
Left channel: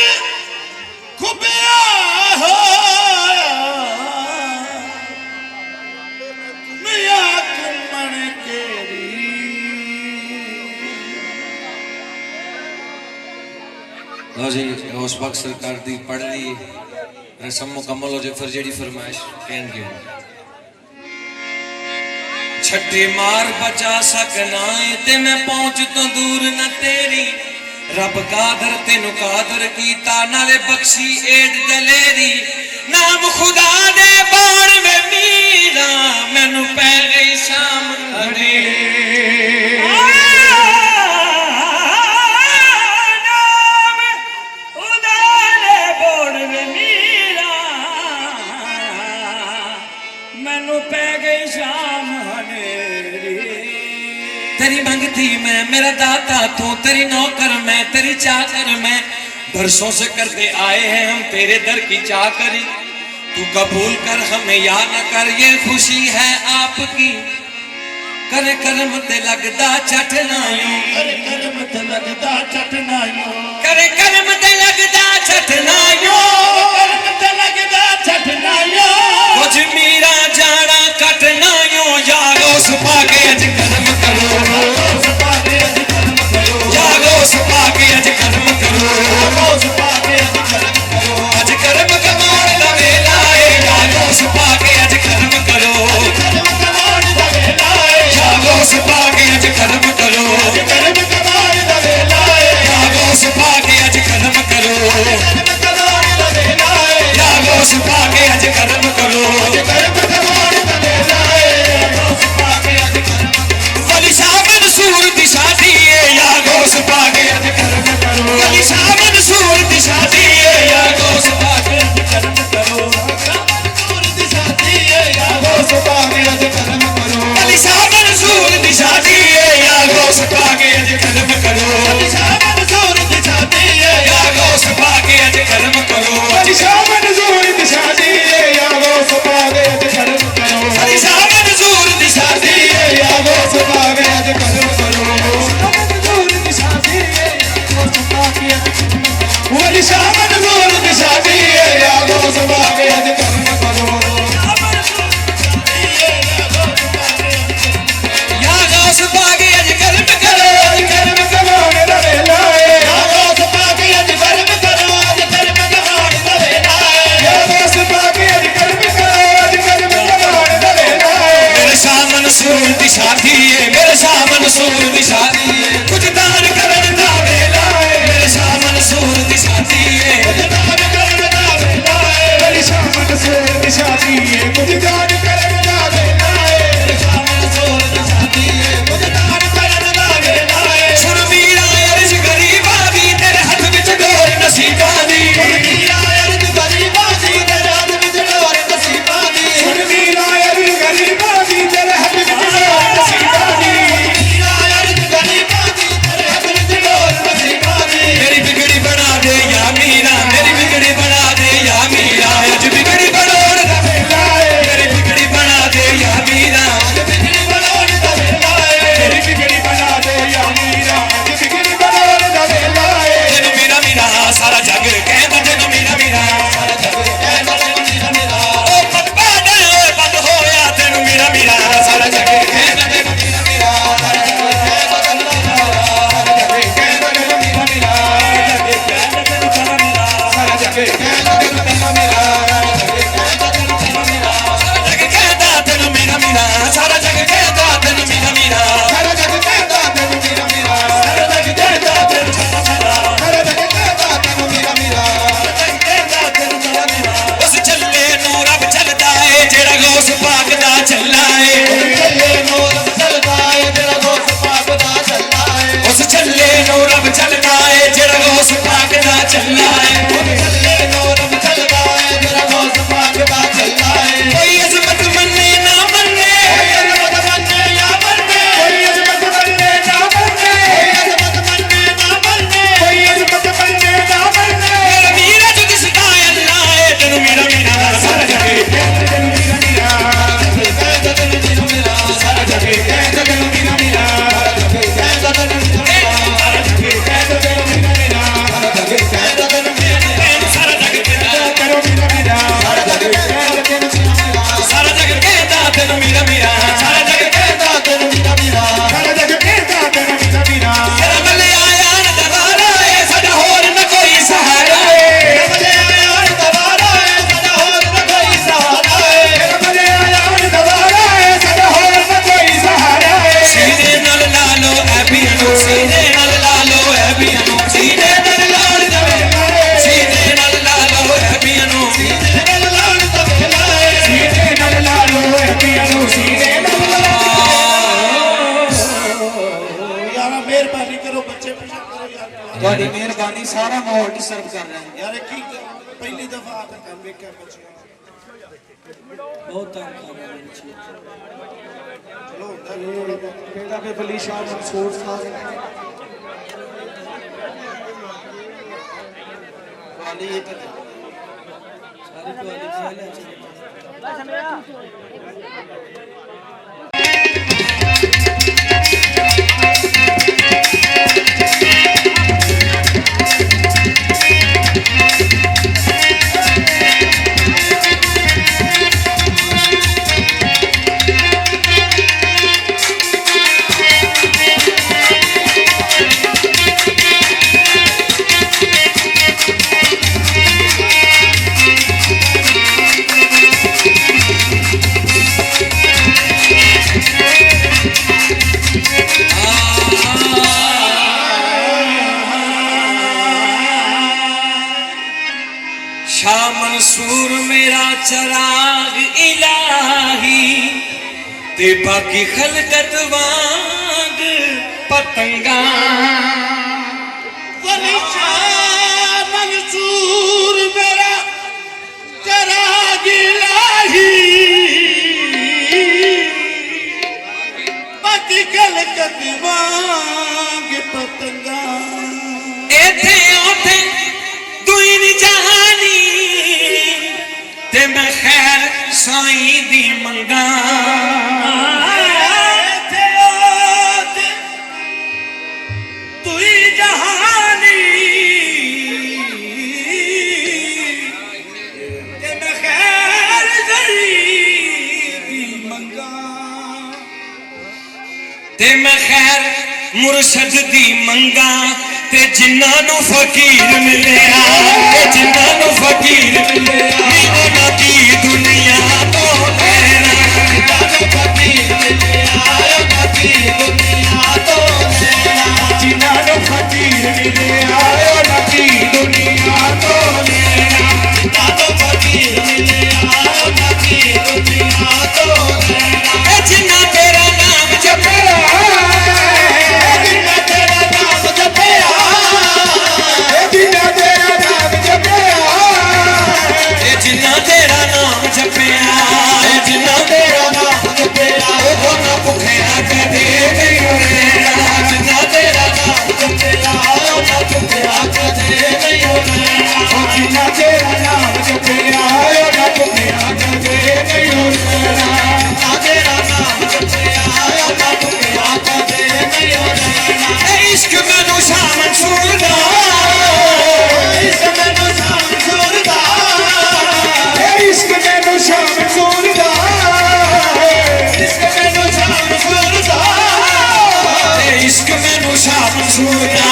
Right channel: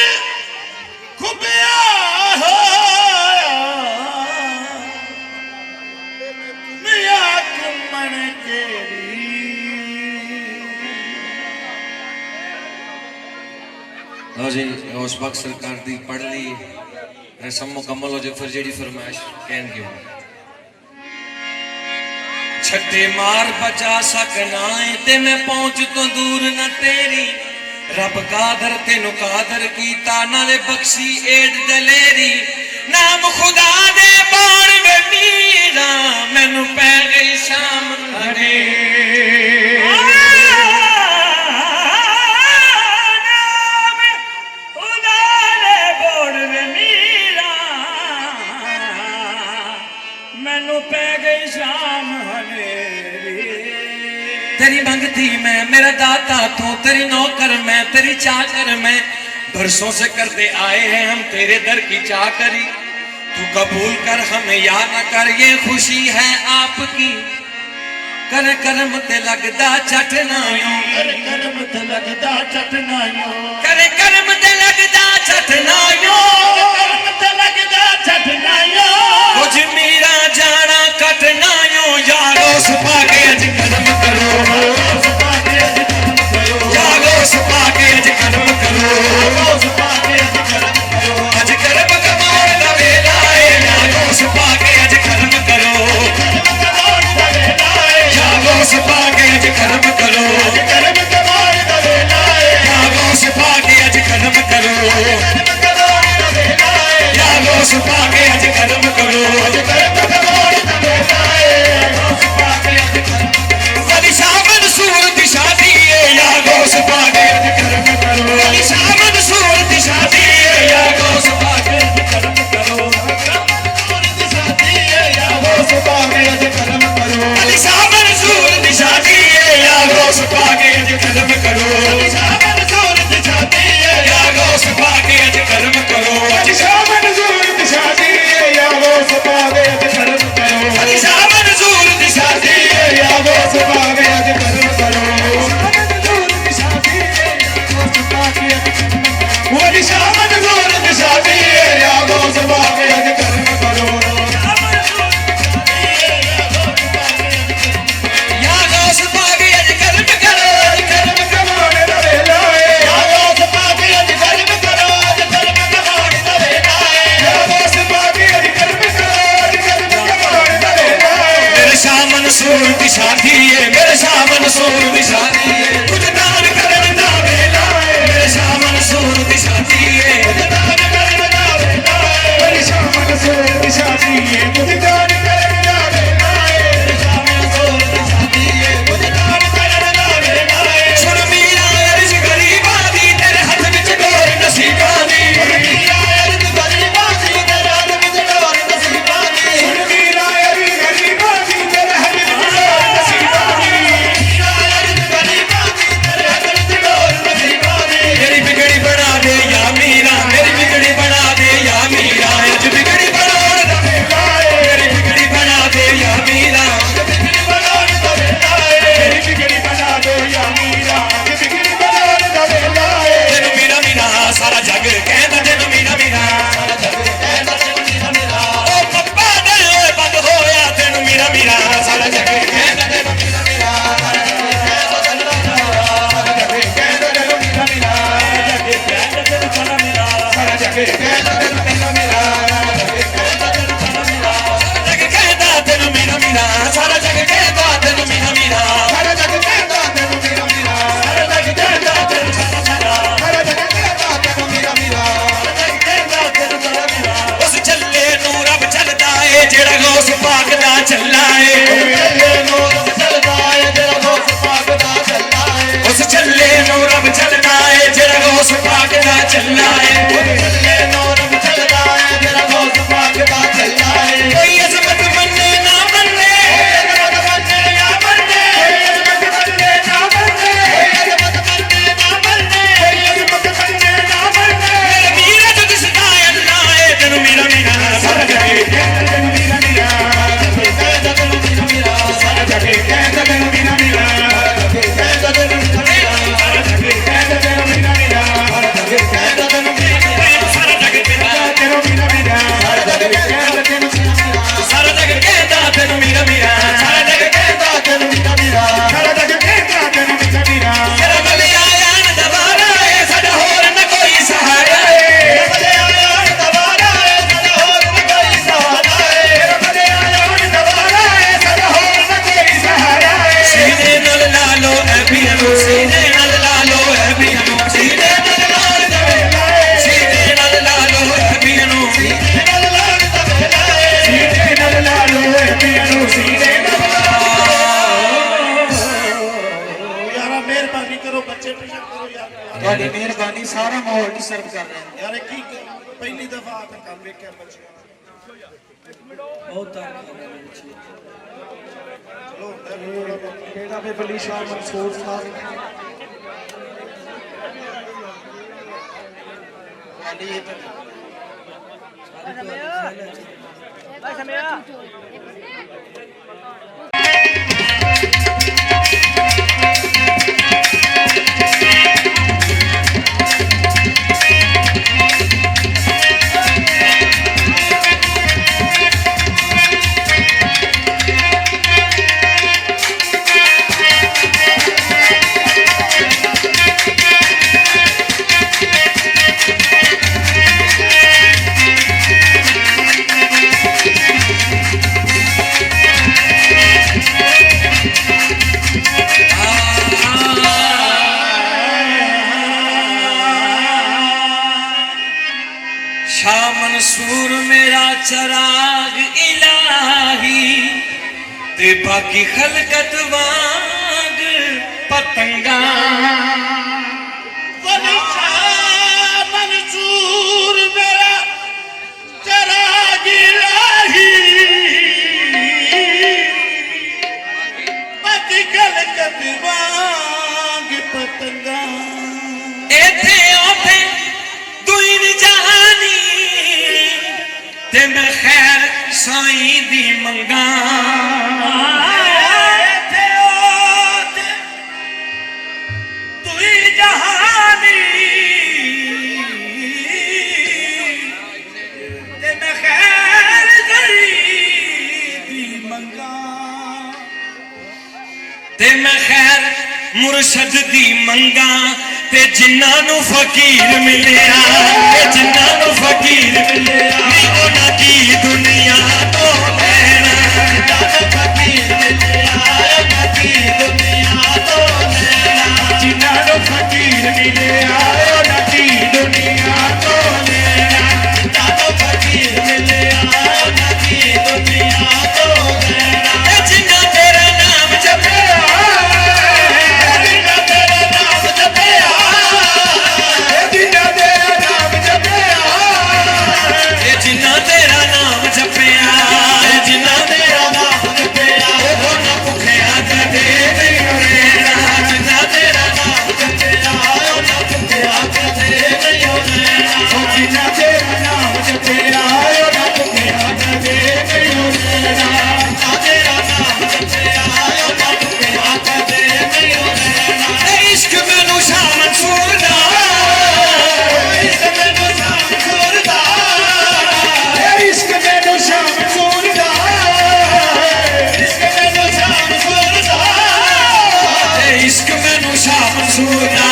लो जी उस वक्त सरकार दी पढ़ ली रसम मुकम्मल हो जाए फिर जेडी फरमाइश कहन के छट्टी मार बचा सकना है ते मैं पहुंच तो दूर न तेरी रब कादर तेनु कादर कीता नाले बख्शी एड दलेरी नाम खुदा दे बाण वे मीरा मैनू पै गई सामने तेरी मंगती मैं मेरा दाता तू तेरी नौकर मैं तेरी चाकर मैं बरसों से करते आए हैं हम तेरे दर की चाकरी तू कबूल कर हमें या न कर ये खुशी है आपकी कर करम ते लगदा चटनायों कर करम ते लगदा चटनायों करे करम ते लगदा चटनायों करम ते लगदा चटनायों कुछ मीरा जाना कटनायों यारो सुपा के अज करम करो यारो सुपा के अज करम करो अज करम कमाण दा वेला है यारो सुपा के अज करम करो यारो सुपा के अज करम करो यारो सुपा के अज करम करो यारो सुपा के अज करम करो वली शाह मंसूर दी शादी है यारो सुपा के अज करम करो वली शाह मंसूर दी शादी है यारो सुपा के अज करम करो वली शाह मंसूर दी शादी है यारो सुपा के अज करम करो यारो सुपा के अज करम करो वली शाह मंसूर दी शादी है यारो सुपा के अज करम करो वली शाह मंसूर दी शादी है यारो सुपा के अज करम करो वली शाह मंसूर दी शादी है यारो सुपा के अज करम करो यारो सुपा के अज करम करो करम कमाने दा वेला है यारो सुपा के अज करम करो करम कमाने दा वेला है यारो सुपा के अज करम करो करम कमाने दा वेला है मेरे शाह मंसूर दी शादी है मेरे शाह मंसूर दी शादी है कुछ दान करन दा वेला है मेरे शाह मंसूर दी शादी है कुछ दान करन दा वेला है मेरे शाह मंसूर दी शादी है कुछ दान करन दा वेला है मेरे शाह मंसूर दी शादी है कुछ दान करन दा वेला है सुन मीरा अर्ज गरीबा दी तेरे हाथ विच डोर नसीबा दी सुन मीरा अर्ज गरीबा दी तेरे हाथ विच डोर नसीबा दी सुन मीरा अर्ज गरीबा दी तेरे हाथ विच डोर नसीबा दी मीरा अर्ज गरीबा दी तेरे हाथ विच डोर नसीबा दी मेरी बिगड़ी बना दे या मीरा मेरी बिगड़ी बना दे या मीरा अज बिगड़ी बनोड़ दा वेला है मेरी बिगड़ी बना दे या मीरा अज बिगड़ी बनोड़ दा वेला है मेरी बिगड़ी बना दे या मीरा अज बिगड़ी बनोड़ दा वेला है तेनु मीरा मीरा सारा जग कहंदा तेनु मीरा मीरा सारा जग कहंदा तेनु मीरा मीरा ओ पप्पा दे बंद होया तेनु मीरा मीरा सारा जग कहंदा तेनु मीरा मीरा सारा जग कहंदा तेनु मीरा मीरा जग कहंदा तेनु मीरा मीरा सारा जग कहंदा तेनु मीरा मीरा तेनु मीरा मीरा सारा जग कहता तेनु मीरा मीरा सारा जग कहता तेनु मीरा मीरा सारा जग कहता तेनु सारा जग कहता तेनु मीरा मीरा सारा जग कहता तेनु मीरा मीरा उस चले नूर रब चलदा है जेड़ा गौस पाक दा चला है चले नूर रब चलदा है जेड़ा गौस पाक दा चला है उस चले नूर रब चलदा है जेड़ा गौस पाक दा चला है चले नूर रब चलदा है जेड़ा गौस पाक दा चला है कोई अजमत मन्ने ना मन्ने कोई अजमत मन्ने ना मन्ने कोई अजमत मन्ने ना मन्ने कोई अजमत मन्ने ना मन्ने मेरा मीरा जो दिसदा है अल्लाह है तेनु मीरा मीरा सारा जग तेनु मीरा मीरा कहंदा तेनु मीरा मीरा सारा जग कहंदा तेनु मीरा मीरा कहंदा तेनु मीरा मीरा सारा जग कहंदा तेनु मीरा मीरा सारा जग कहंदा तेनु मीरा मीरा ਤੁਹਾਡੀ ਮਿਹਰਬਾਨੀ ਸਾਰਾ ਮਾਹੌਲ ਡਿਸਟਰਬ ਕਰ ਰਹੇ ਨੇ ਯਾਰ ਕੀ ਪਹਿਲੀ ਦਫਾ ਤਾਂ ਕੰਮ ਵੇਖਿਆ ਕੁਛ ਬਹੁਤ ਧੰਨਵਾਦ ਚਲੋ ਹੁੰਦਾ ਨੀ ਥੋੜ੍ਹਾ ਬਹੁਤ। ਕਿਹੜਾ ਵੀ ਬਲੀ ਸ਼ਾਹ ਮਨਸੂਰ ਸਾਹਿਬ ਵਾਲੀ ਇਹ ਤਾਂ ਸਾਰੀ ਤੁਹਾਡੀ ਖਿਆਲ ਹੈ शाह मंसूर मेरा चराग इलाही ते बाकी खलकत वांग पतंगा वली शाह मंसूर मेरा चराग इलाही बाकी खलकत वांग पतंगा इथे ओथे दुई दी जहानी ते मैं खैर साईं दी मंगा इथे ओथे दुई जहानी ते मैं खैर गरीबी मंगा ते मैं खैर मुर्शद दी मंगा ते जिन्ना नू फकीर मिलिया ते जिन्ना नू फकीर मिलिया उन्हां दी दुनिया तो लेना जिन्ना नू फकीर मिलिया उन्हां दी दुनिया तो लेना जिन्ना नू फकीर मिलिया उन्हां दी दुनिया तो लेना जिन्ना नू फकीर मिलिया उन्हां दी दुनिया तो लेना ए जिन्ना तेरा नाम जपया जिन्ना तेरा नाम जपया जिन्ना तेरा नाम जपया वो ना भुखिया कदे नहीं होना जिन्ना तेरा नाम जपया वो ना भुखिया कदे नहीं होना जिन्ना तेरा नाम जपया वो ना भुखिया कदे नहीं होना जिन्ना तेरा नाम जपया वो ना भुखिया कदे नहीं होना इश्क मैनू शाह मंसूर दा इश्क मैनू शाह मंसूर दा इश्क मैनू शाह मंसूर दा इश्क मैनू शाह मंसूर दा इश्क मैनू शाह मंसूर दा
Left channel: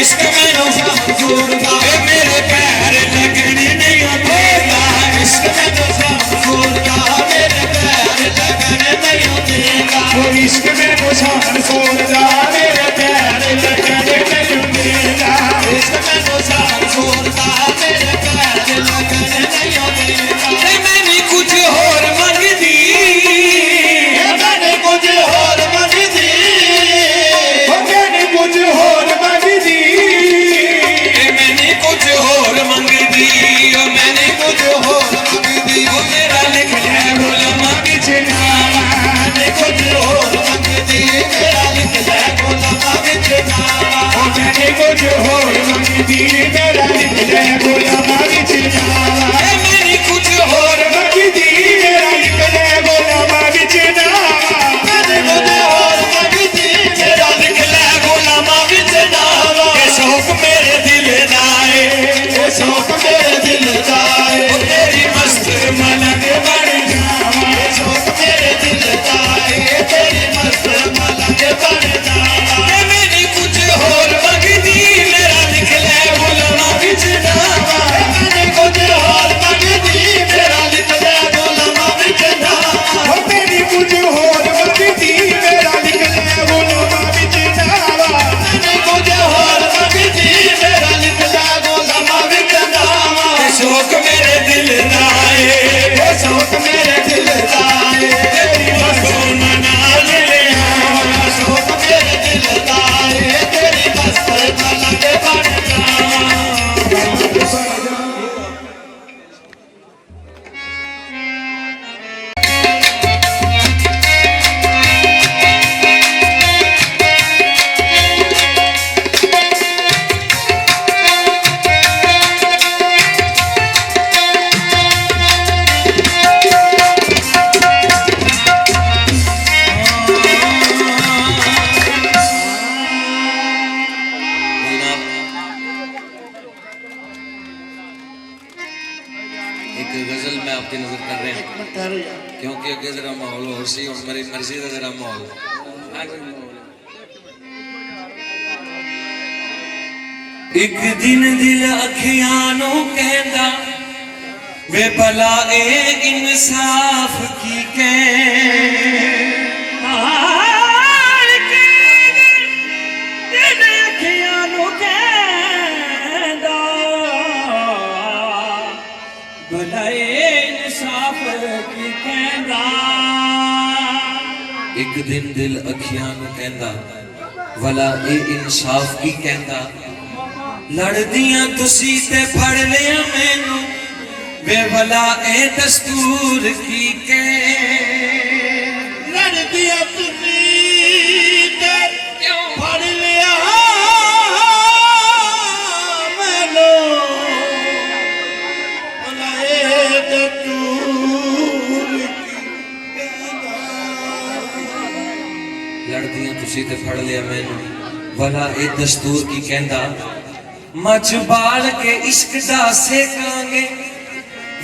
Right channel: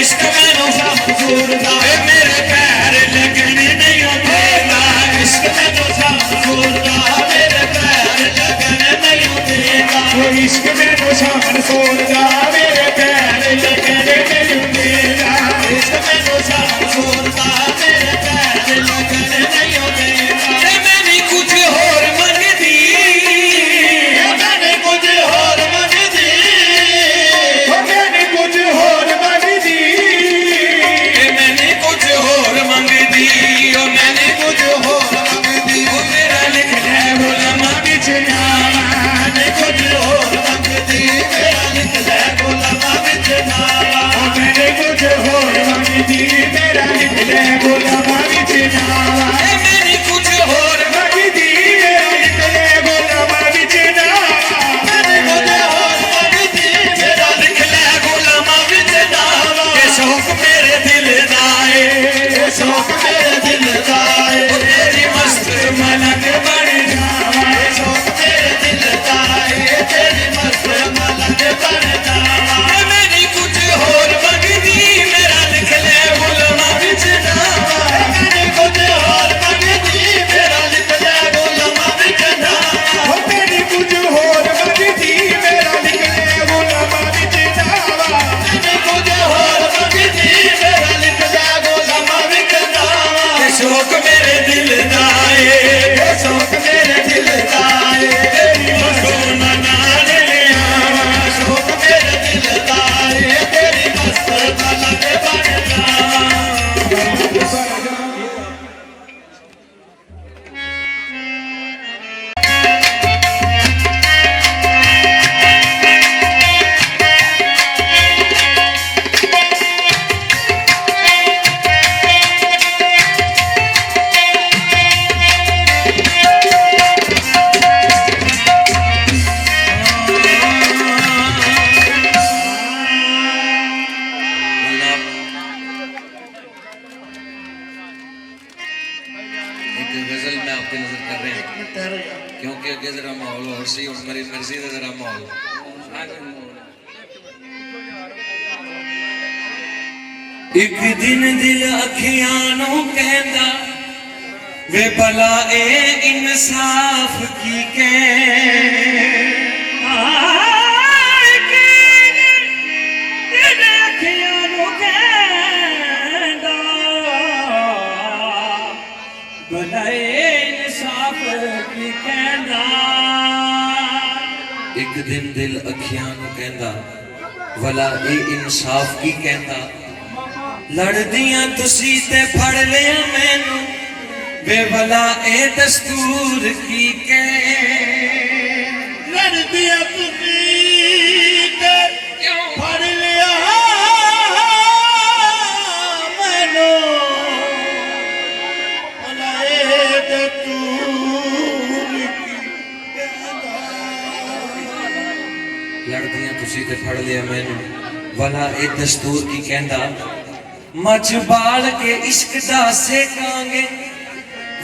इश्क मैनू शाह मंसूर दा मेरे पैर लगने नहीं देगा इश्क मैनू शाह मंसूर दा मेरे पैर लगने नहीं देगा इश्क मैनू शाह मंसूर दा मेरे पैर लगने नहीं देगा इश्क मैनू शाह मंसूर दा मेरे पैर लगने नहीं देगा मैंने कुछ होर मंगदी मैंने कुछ होर मंगदी मैंने कुछ होर मंगदी मैंने कुछ होर मंगदी मैंने कुछ होर मंगदी मेरा लिख ले गुलामा बिछड़ा मैंने कुछ होर मंगदी मेरा लिख ले गुलामा बिछड़ा मैंने कुछ होर मंगदी मेरा लिख ले गुलामा बिछड़ा मेरी कुछ होर मंगदी मेरा लिख ले गुलामा बिछड़ा मैंने कुछ होर मंगदी मेरा लिख ले गुलामा बिछड़ा ये शौक मेरे दिल दा है ये शौक मेरे दिल दा है तेरी मस्त मलक बन जावा ये शौक मेरे दिल दा है तेरी मस्त मलक बन जावा मेरी कुछ होर मंगदी मेरा लिख ले गुलामा बिछड़ा मैंने कुछ होर मंगदी गजल मैं आपकी नजर कर रहे हैं ठहरो यार क्योंकि अगे जरा माहौल और सी और मेरी मर्जी का जरा माहौल एक दिन दिल अखियां नू कहंदा वे भला ए इंसाफ की एक दिन दिल अखियां नू कहंदा भला ए इंसाफ की कहंदा लड़दियां तुसी ते फड़ लिया मैनू वे भला ए दस्तूर की ਲੜਦੀਆਂ ਤੁਸੀਂ ਤੇ ਫੜ ਲਿਆ ਮੈਨੂੰ ਬੁਲਾਏ ਤੇ ਤੂੰ लड़दियां तुसी ते फड़ लिया मैनू भला ए दस्तूर की कहंदा मच बाल के इश्क दा सेकांगे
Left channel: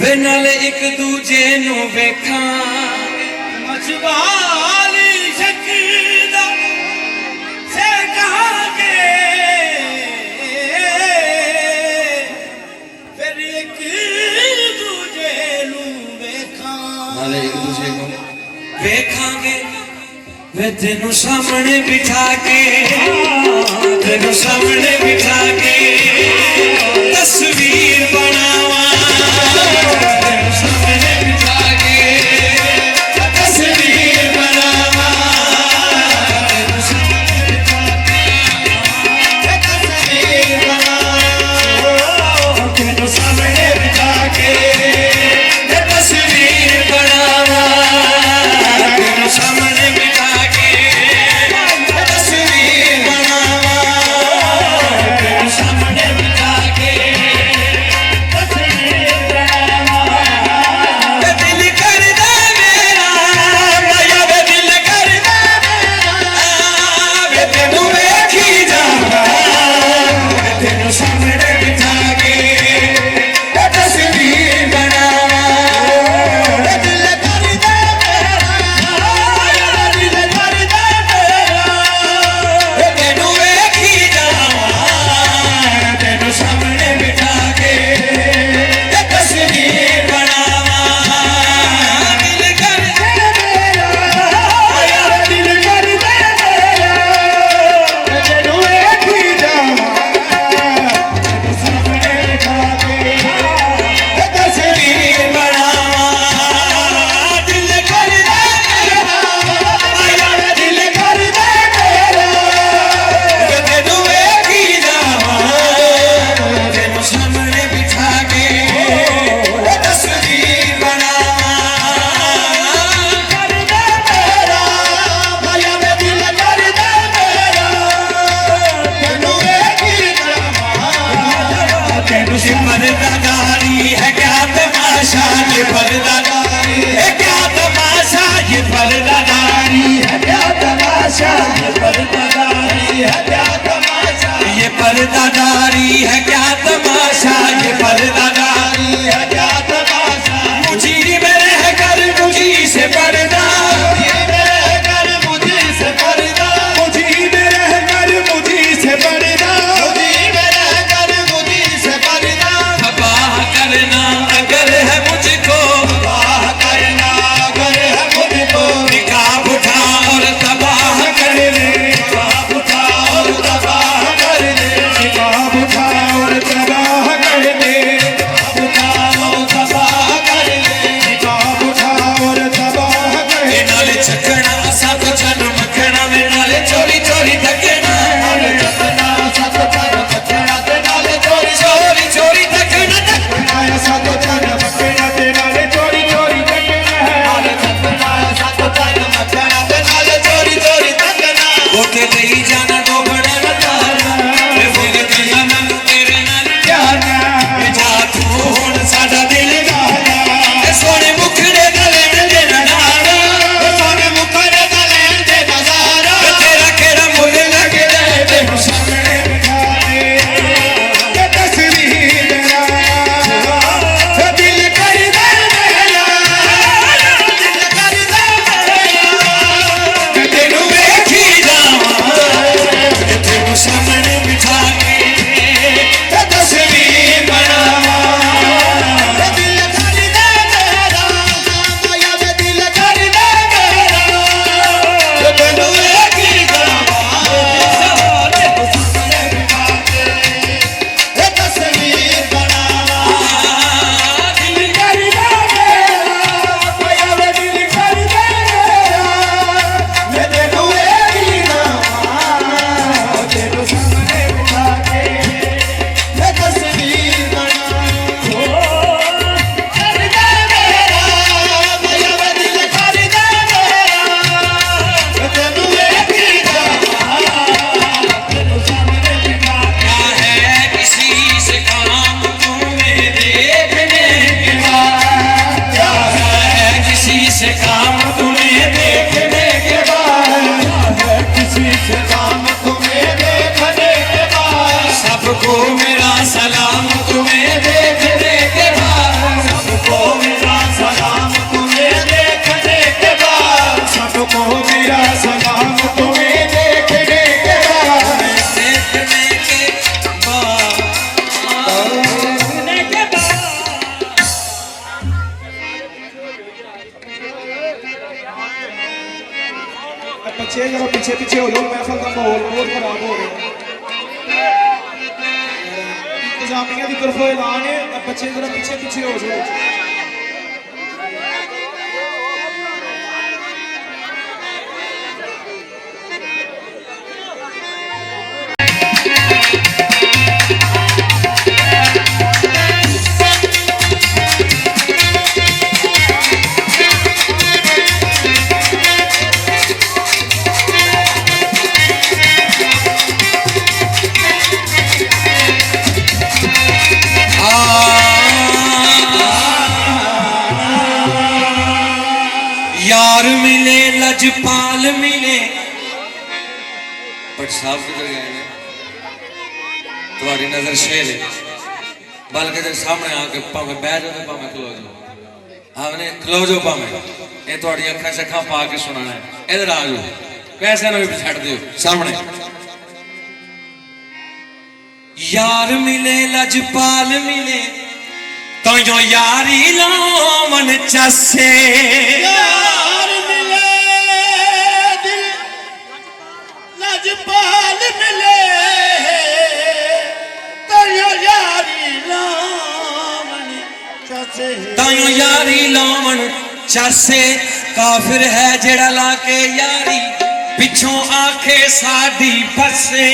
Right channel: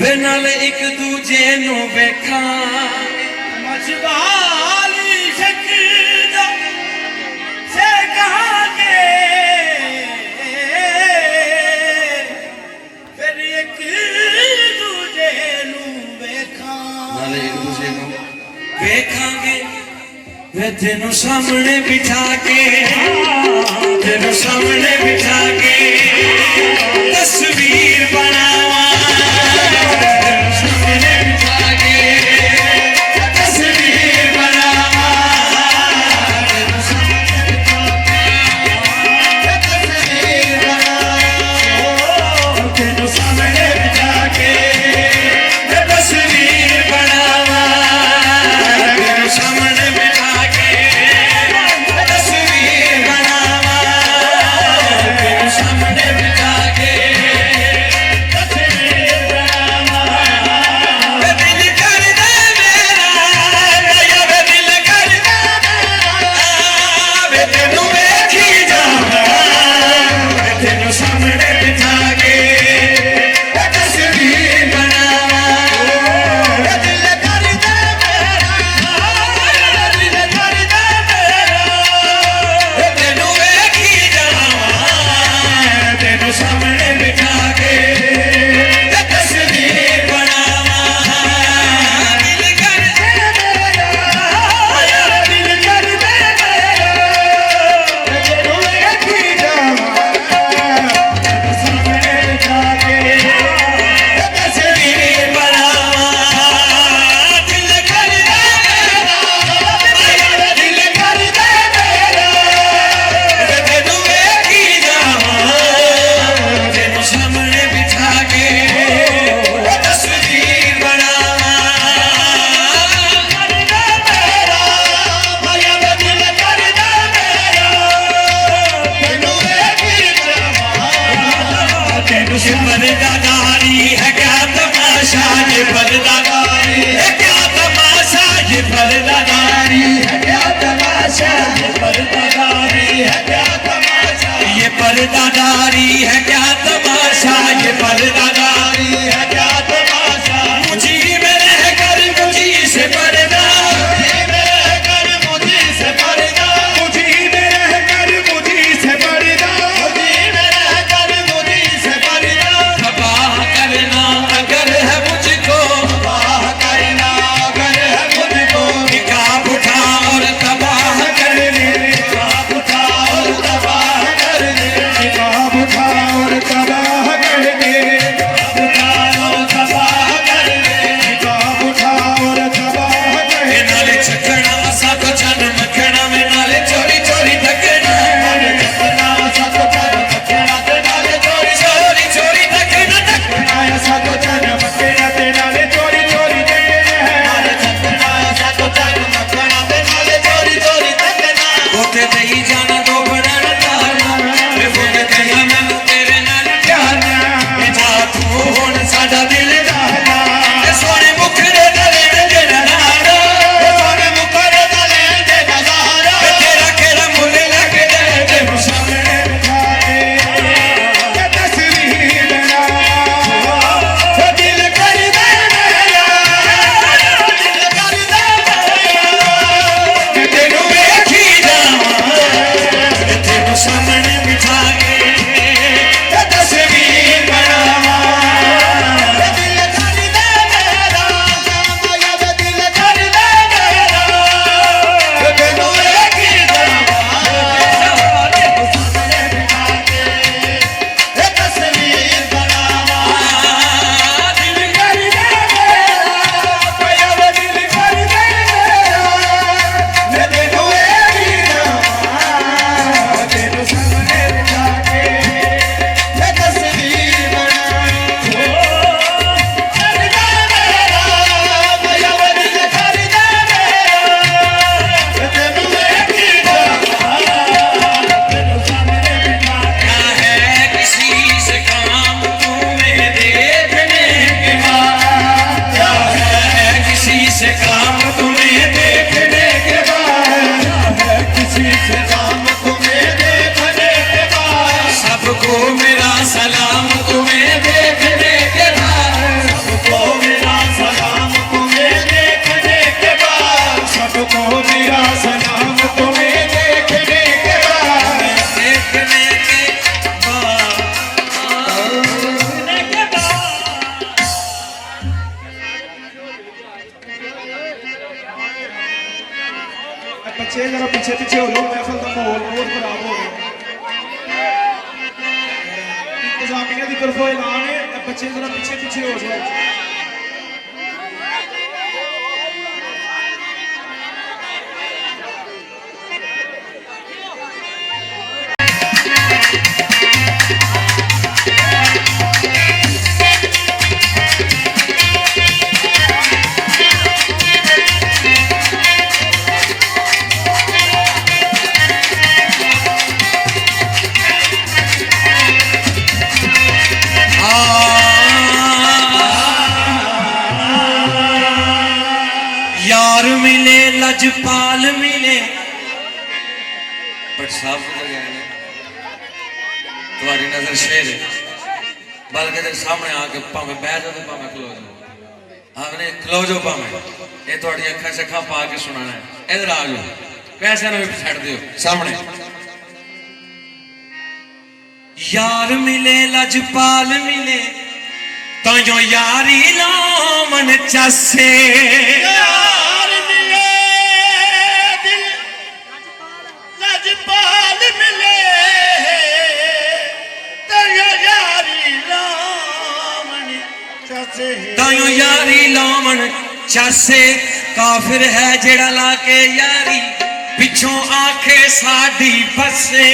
वे नाल एक दूजे नू वेखांगे ਮਜਵਾਲੀ ਸ਼ਕਦਾ ਸੇ ਕਹਾਂਗੇ ਫਿਰ ਇੱਕ ਦੂਜੇ ਨੂੰ ਵੇਖਾਂ नाल एक दूजे नू वेखांगे वे तेनू सामने बिठा के तेनू सामने बिठा के तस्वीर बनावा तेनू सामने बिठा के तस्वीर बनावा तेनू सामने बिठा के तस्वीर बनावा तेनू सामने बिठा के तस्वीर बनावा तेनू सामने बिठा के तस्वीर बनावा तेनू सामने बिठा के तस्वीर बनावा वे दिल कर दे मेरा भैया वे दिल कर दे मेरा वे तेनू वेखी जावा वे तेनू सामने बिठा के तस्वीर बनावा वे दिल कर दे मेरा दिल कर दे मेरा वे तेनू वेखी जावा तेनू सामने बिठा के तस्वीर बनावा दिल कर दे मेरा यार दिल कर दे मेरा तेनू वेखी जावा तेनू सामने बिठा के तस्वीर बनावा दिल कर दे मेरा यार दिल कर दे मेरा तेनू वेखी जावा तेनू सामने बिठा के तस्वीर बनावा कर दे मेरा भैया वे दिल कर दे मेरा तेनू वेखी जावा तेनू पर्दादारी है क्या तमाशा ये पर्दादारी है क्या तमाशा ये पर्दादारी है क्या तमाशा ये पर्दादारी है क्या तमाशा ये पर्दादारी है क्या तमाशा ये पर्दादारी है क्या तमाशा मुझी में रह कर मुझी से पर्दा मुझी में रह कर मुझी से पर्दा मुझी में रह कर मुझी से पर्दा मुझी में रह कर मुझी से पर्दा तबाह करना अगर है मुझको तबाह करना अगर है मुझको निकाब उठा और तबाह कर दे निकाब उठा और तबाह कर दे निकाब उठा और तबाह कर दे निकाब उठा और तबाह सबको मेरा सलाम तुम्हें देखने के बाद, सबको मेरा सलाम तुम्हें देखने के बाद, सबको मेरा सलाम तुम्हें देखने के बाद, देखने के बाद। बच्चे जरा पीछे पीछे हो लो, महफिल का माहौल बहुत खराब हो रहा है। इंतजामिया की तरफों ऐलान है, बच्चे जरा पीछे पीछे हो जाओ। यार मिले लजपाल मिले, बट साफ किधर गए ने? तुम्हारी नजर शेर है, बल्कि तेरे सामने आके भावे बह जाओ तो भावे खलो जाओ, आपने खलो जाओ भावे, ये थोड़ी अखा शखा पा के सुनाना है। इधर आ जाओ, कैसे ना भी छड़ दियो सामने। यार मिले लजपाल मिले, तो यो यारी लामन चसे, यार मिले दिल लजपाल मिले, तेरी यारी लामन चसे, तायो यारी लामन चसे। काफिर है जेड़ा लाके यारी पिछों आखे साडी बसे,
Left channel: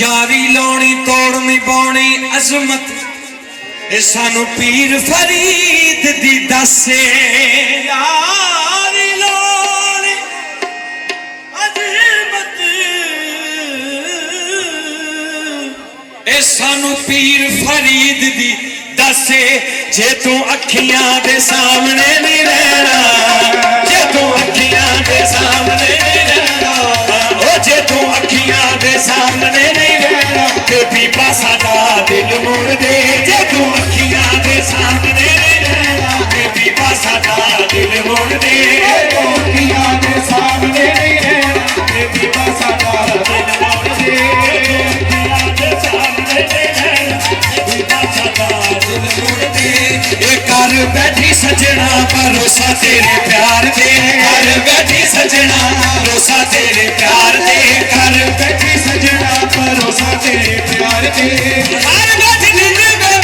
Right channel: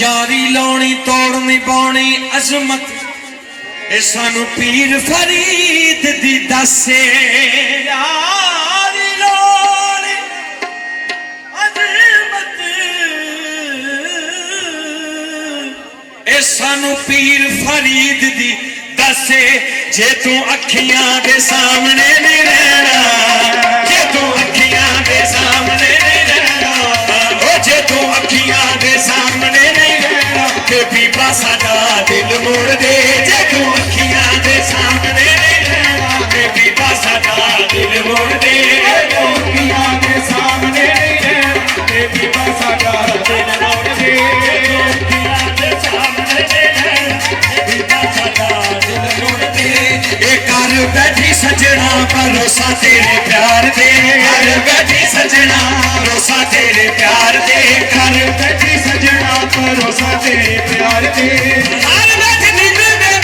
यारी लाउनी तोड़नी पाउनी अजमत, ए सानू पीर फरीद दी दसे। यारी लाउनी अजमत, ए सानू पीर फरीद दी दसे। जे तू अखियां दे सामने नहीं रहना, जे तू अखियां दे सामने नहीं रहना, ओ जे तू अखियां दे सामने नहीं रहना, ते बीबा साडा दिल मोड़ दे। जे तू अखियां दे सामने नहीं रहना, ते बीबा साडा दिल मोड़ दे। अखियां दे सामने नहीं रहना, ते बीबा साडा दिल मोड़ दे। अखियां दे सामने नहीं रहना, बीबा साडा दिल मोड़ दे। ए कर बैठी सजना भरोसा तेरे प्यार दे, कर बैठी सजना भरोसा तेरे प्यार दे, कर बैठी सजना भरोसा तेरे प्यार दे। हर बैठी दिल में मैं,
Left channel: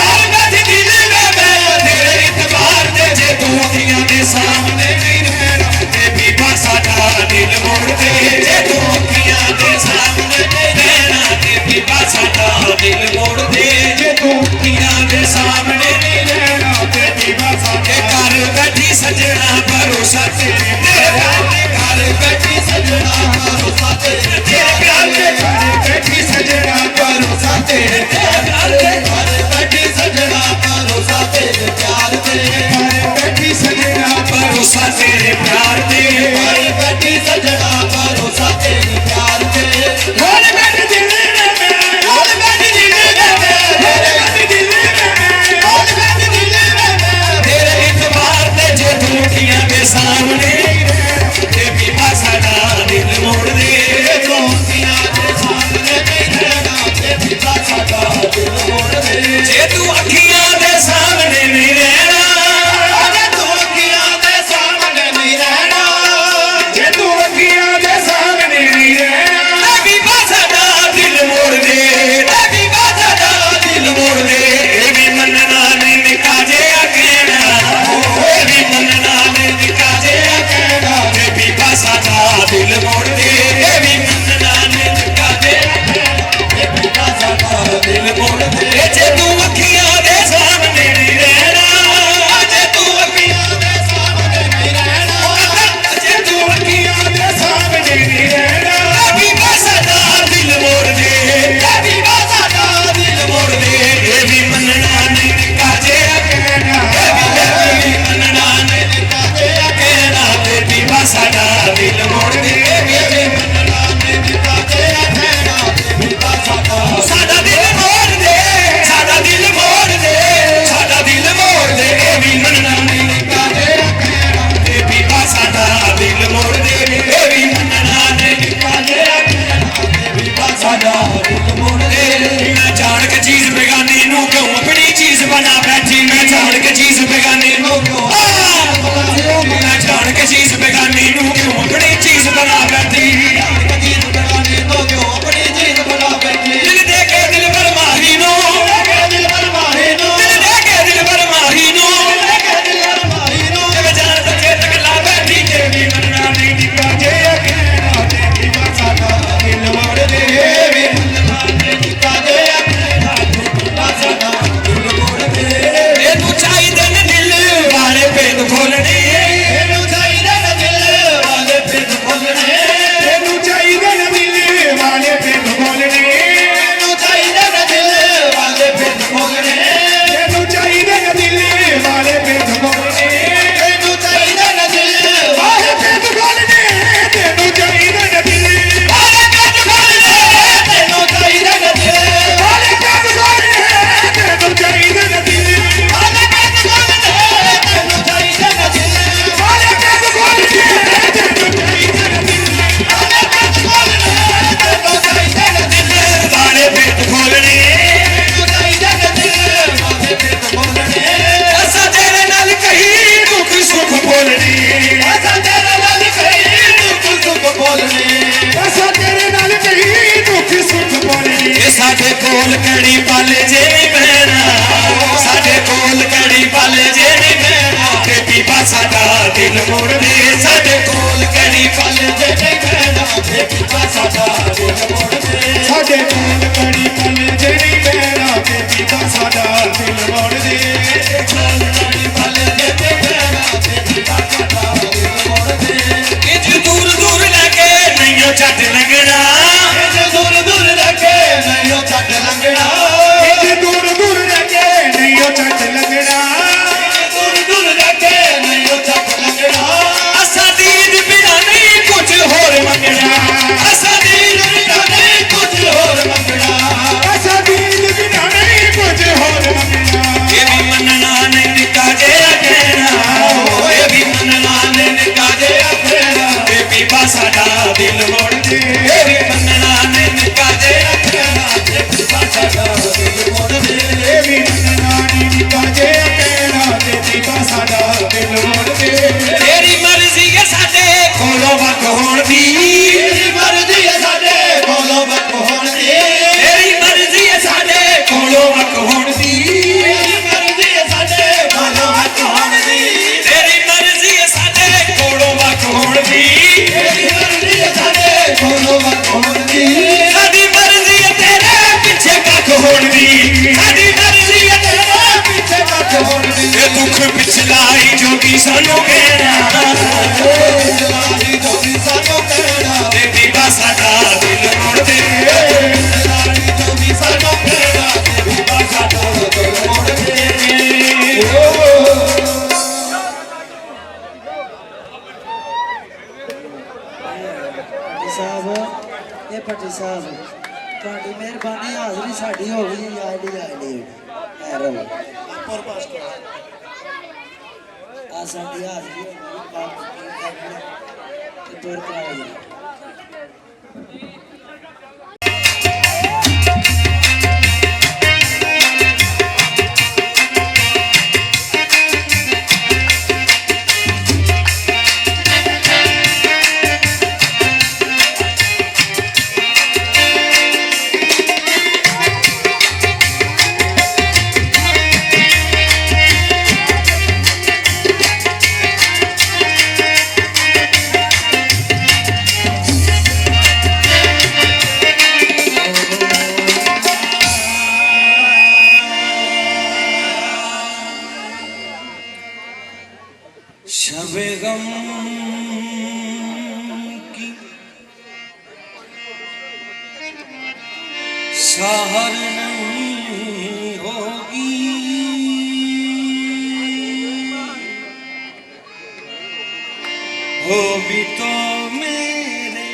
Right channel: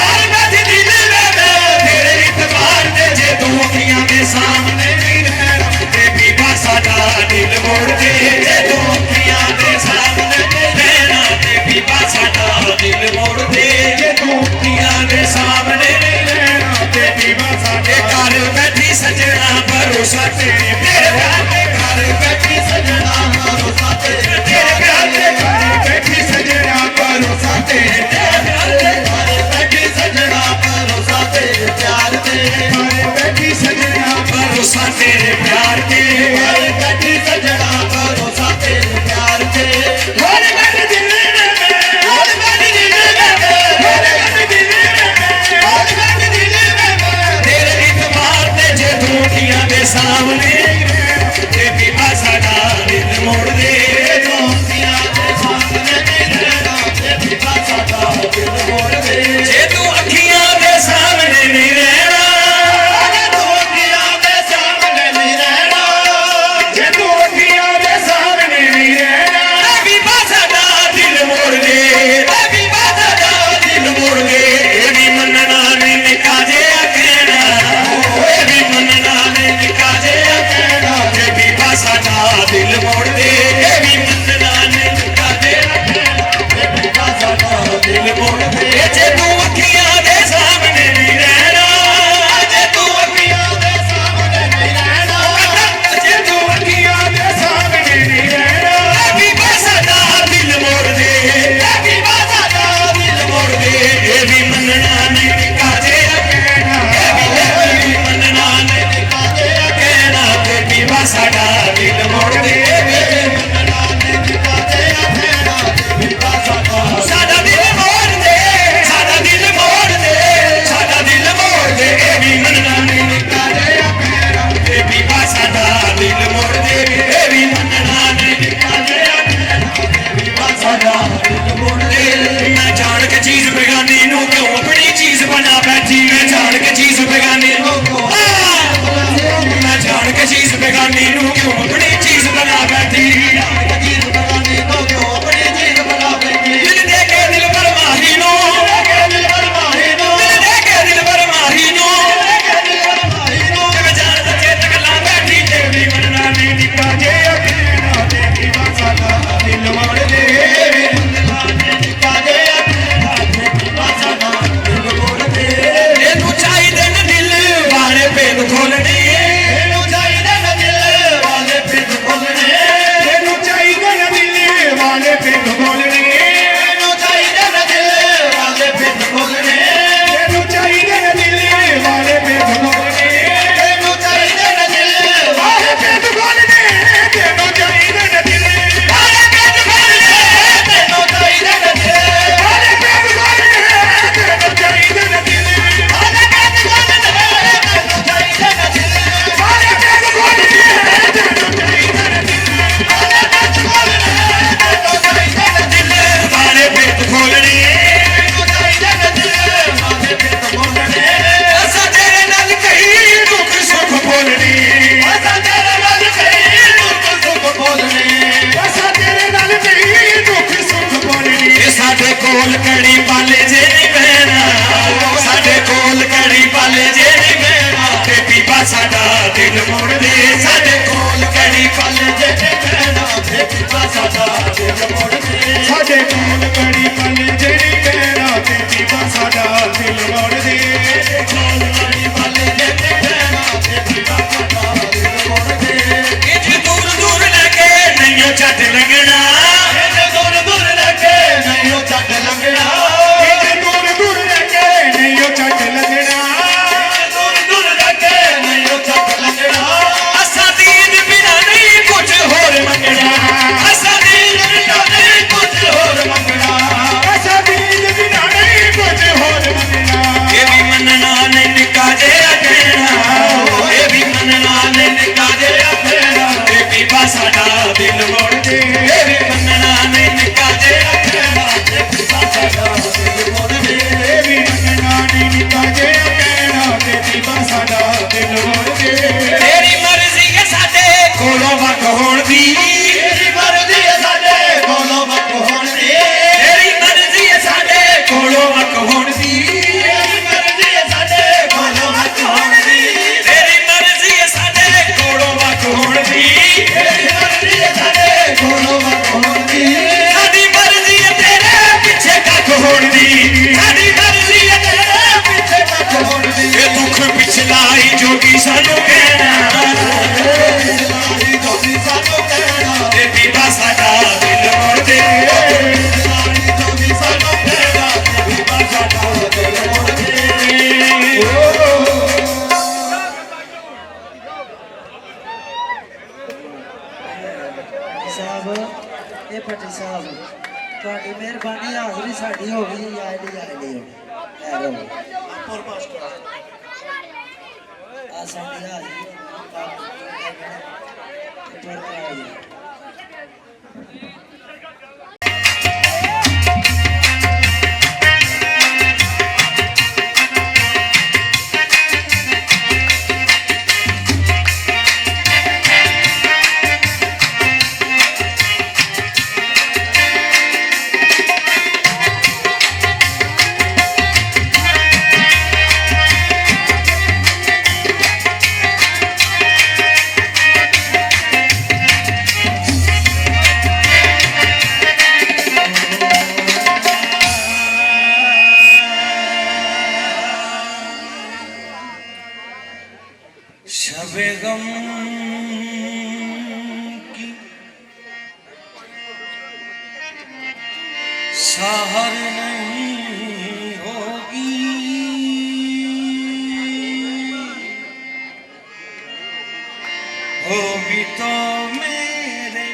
हर बैठी दिल में मैं, तेरे इतबार दे। जे तू अखियां दे सामने नहीं रहना, ते बीबा साडा दिल मोड़ दे। जे तू अखियां दे सामने नहीं रहना, ते बीबा साडा दिल मोड़ दे। जे तू अखियां दे सामने नहीं रहना, ते बीबा साडे घर बैठी सजना भरोसा तेरे प्यार दे, घर बैठी सजना भरोसा तेरे प्यार दे, घर बैठी सजना भरोसा तेरे प्यार दे, घर बैठी सजना भरोसा तेरे प्यार दे, घर बैठी सजना भरोसा तेरे प्यार दे, घर बैठी सजना भरोसा तेरे प्यार दे। घर बैठी दिल में, घर बैठी दिल में, घर बैठी दिल में, घर बैठी दिल में, तेरे इतबार दे। जे तू अखियां दे सामने ते बीबा साडा दिल मोड़ दे। तू अखियां दे सामने नहीं रहना, ते बीबा साडा दिल मोड़ दे। जे तू अखियां दे सामने नहीं रहना, जे तू अखियां दे सामने नहीं रहना, जे तू अखियां दे सामने नहीं रहना, ते बीबा साडा दिल मोड़ दे, ते बीबा साडा दिल मोड़ दे। ए भी मनना नहीं निका जे कहना, ए भी मनना नहीं निका जे कहना, ते बीबा साडा दिल मोड़ दे। ए भी मनना नहीं निका जे कहना, ते बीबा साडा दिल मोड़ दे। जे तू अखियां दे सामने नहीं रहना, जे तू अखियां दे सामने नहीं रहना, जे तू अखियां दे सामने नहीं रहना, ते बीबा साडा दिल मोड़ दे, ते बीबा साडा दिल मोड़ दे। ए भी बना बैठी मैं जान के चीज बेगानी नू मैं जान के चीज बेगानी नू क्यों अपनी चीज बना बैठी दिल दे के दिल पर माही नो दिल दे के दिल पर माही नो जब जान सके तक ला बैठी देवी मनना नहीं निका जे अकेला देवी सादा दिल मोड़ दे साडे कोल कड़ी पाले जे नहीं बहना साडे कोल कड़ी पाले जे नहीं बहना ते पीपा साडा दिल मोड़ दे साडे कोल कड़ी पाले जे नहीं बहना ते पीपा साडा दिल मोड़ दे साडे कोल कड़ी पाले जे नहीं बहना ते पीपा साडा दिल मोड़ दे कोल कड़ी पाले जे नहीं बहना ते पीपा साडा दिल मोड़ दे इज दूर दूर लगे नहीं छट लगना दूर दूर लगे नहीं छट लगना दूर दूर लगे नहीं छट लगना दूर दूर लगे नहीं छट लगना असा दीद बिना नहीं कुछ होर मंगना असा दीद बिना नहीं कुछ होर मंगना असा दीद बिना नहीं कुछ होर मंगना ये भी मनना ने निका जे रखना ये भी मनना ने निका जे रखना ये भी साडा दिल मोड़ दे ये भी मनना ने निका जे रखना ये भी साडा दिल मोड़ दे ये भी मनना ने निका जे रखना ये भी साडा दिल मोड़ दे तेरी मर्जी है साडे कोलो वक होण दी तेरी मर्जी है साडे कोलो वक होण दी तेरी मर्जी है साडे कोलो वक होण दी तेरी मर्जी है साडे कोलो वक होण दी तेरी मर्जी है साडे कोलो वक होण दी तेरी मर्जी है साडे कोलो वक होण दी साडी मर्जी है तेरे पिछे कख होण दी साडी मर्जी है तेरे पिछे कख होण दी ये दुख पिछलाई जो भी सानू कहना पिछलाई जो भी सानू कहना ते दीवा साडा दिल मोड़ दे पिछलाई जो भी सानू कहना ते दीवा साडा दिल मोड़ दे साहब ये पट्टी साहब ਤੁਹਾਡੀ ਮਿਹਰਬਾਨੀ ਹਾਜ਼ਰੀ ਸਾਡੀ ਹੋ ਗਈ ਆਏ ਦੀ ਐਰੋ ਆਪਰ ਪਾਸ ਕਰ ਆ ਸਾਡੀ ਹਾਜ਼ਰੀ ਤੇ ਤੋਰ ਕਰਾਈ शबे गम की सहर नहीं होगी हो भी तो मेरे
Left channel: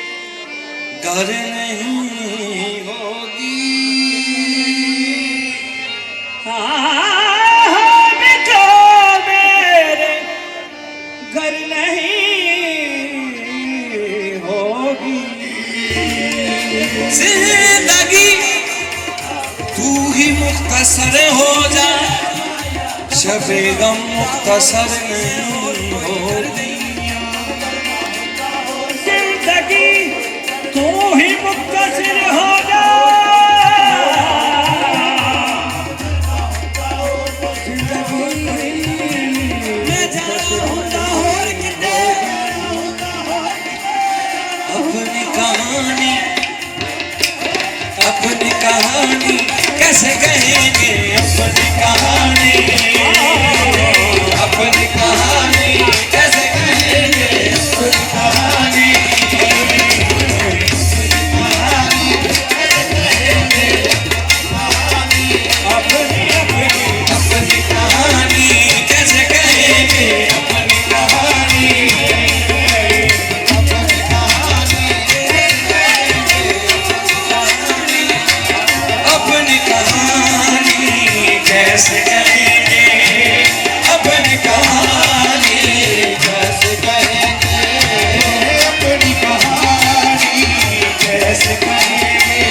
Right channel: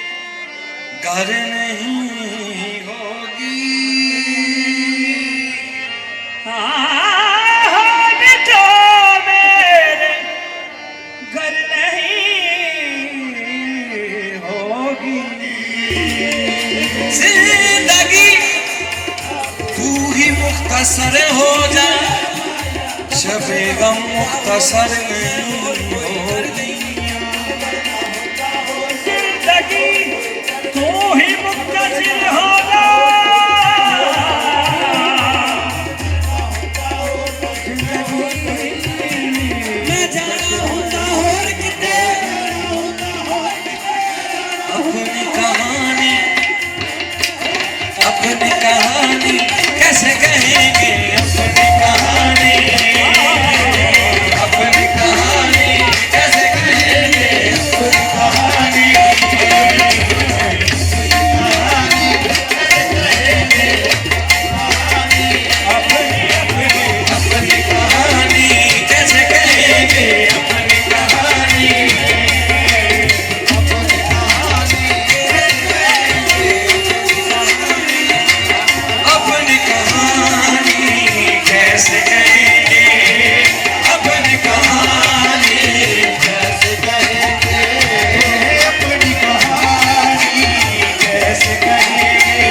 घर नहीं होगी घर नहीं होगी जिंदगी तू ही मुख्तसर हो जा शबे गम मुख्तसर नहीं होती। जिंदगी तू ही मुख्तसर होगा, मैं जाना होता और किते अपनी कहानी कैसे कहेंगे, अपनी कहानी कैसे कहेंगे, अपनी कहानी अपनी कहानी कैसे कहेंगे, अपनी कहानी अपनी कहानी कैसे कहेंगे, अपनी कहानी कैसे कहेंगे, अपनी कहानी कैसे कहेंगे।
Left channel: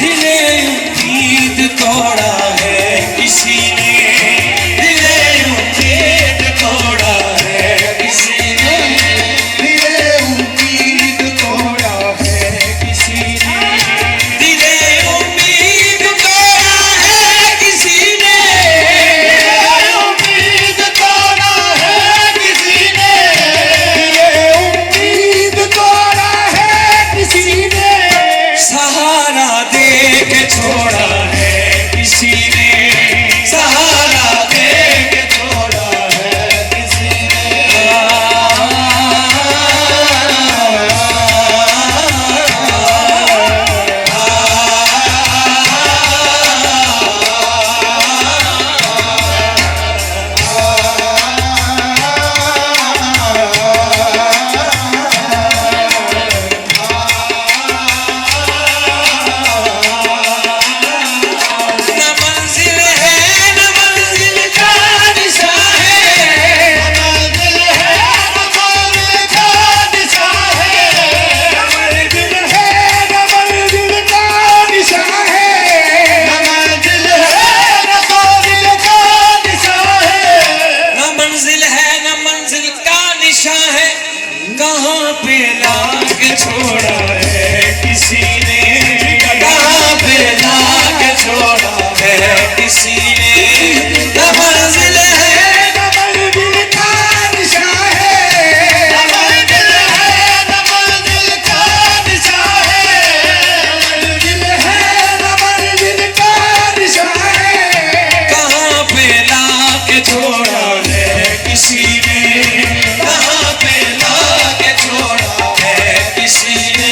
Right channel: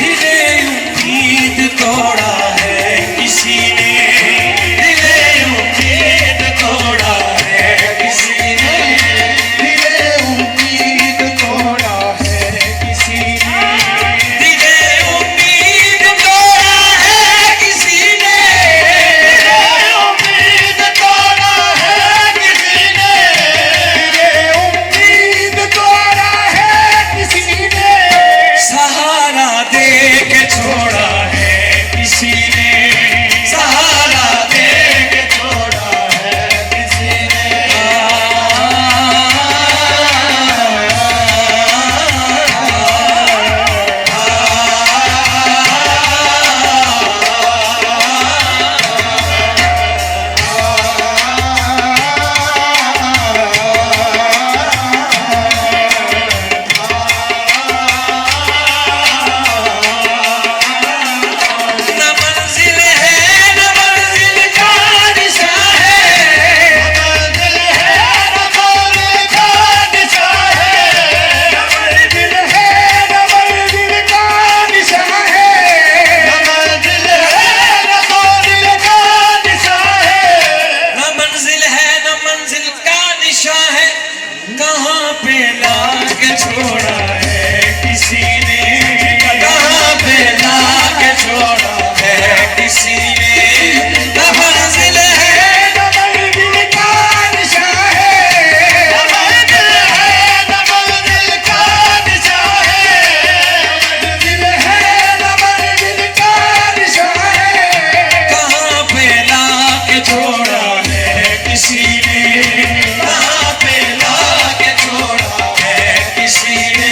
दिले उम्मीद तोड़ा है किसी ने, दिले उम्मीद तोड़ा है किसी ने, दिले उम्मीद तोड़ा है किसी ने, दिले उम्मीद तोड़ा है किसी ने, उम्मीद तोड़ा है किसी ने, उम्मीद तोड़ा है किसी ने, सहारा दे के छोड़ा है किसी ने, सहारा दे के छोड़ा है किसी न मंजिल है न मंजिल का निशा है, न मंजिल है न मंजिल का निशा है, न मंजिल है न मंजिल का निशा है, न मंजिल है न मंजिल का निशा है, न मंजिल है न मंजिल का निशा है, कहाँ पे लाके छोड़ा है किसी ने, कहाँ पे लाके छोड़ा है किसी ने, न मंजिल है न मंजिल का निशा है, न मंजिल है न मंजिल का निशा है, मंजिल है न मंजिल का निशा है, कहाँ पे लाके छोड़ा है किसी ने, कहाँ पे लाके छोड़ा है किसी ने।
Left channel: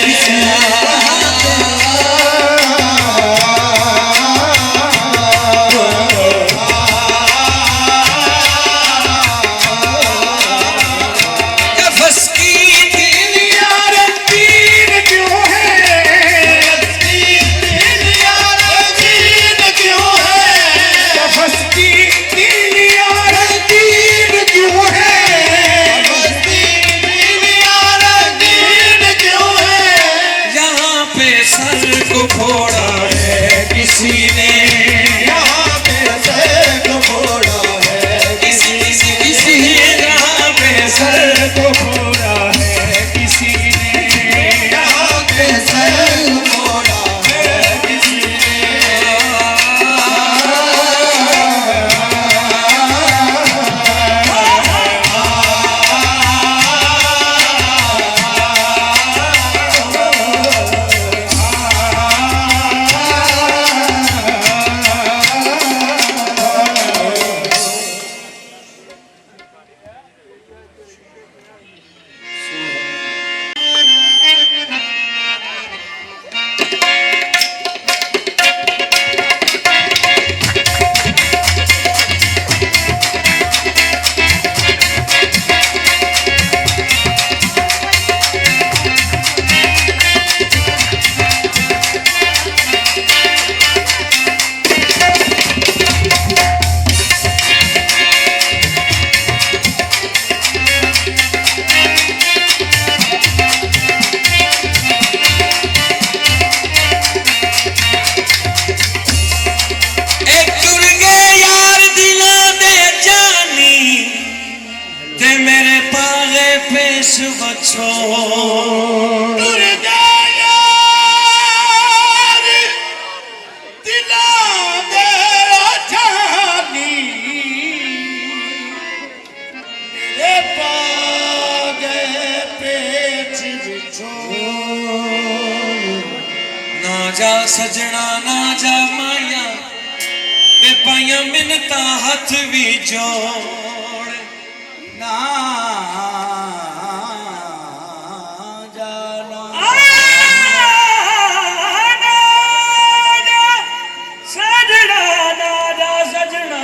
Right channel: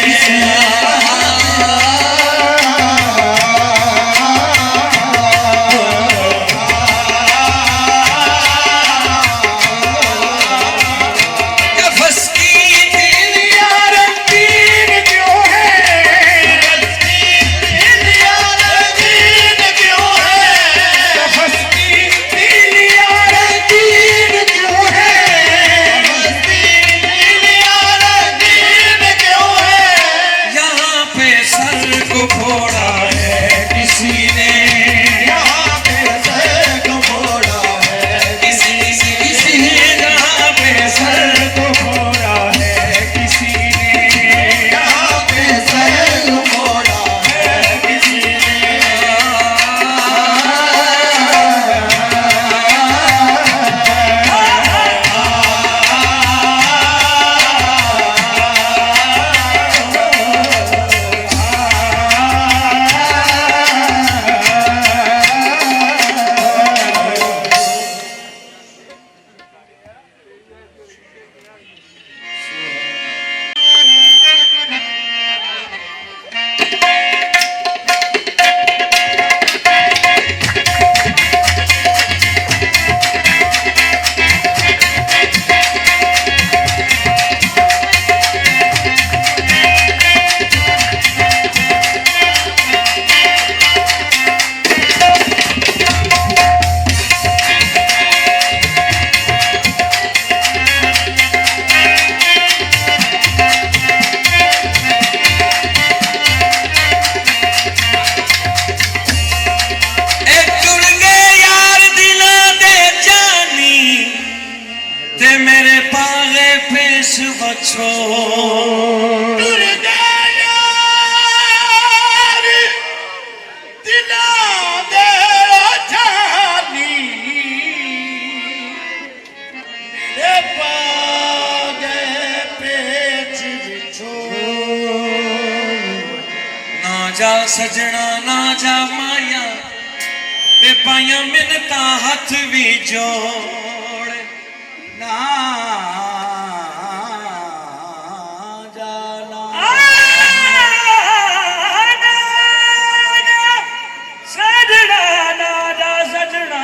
बछो टुर जा यार दिलां दे जानी मेरे पागे पेच विचो ना जा सजना ना जा माया ते पाया मिन्नतां हथ भी जोड़ ना जाना सजना नादा सजना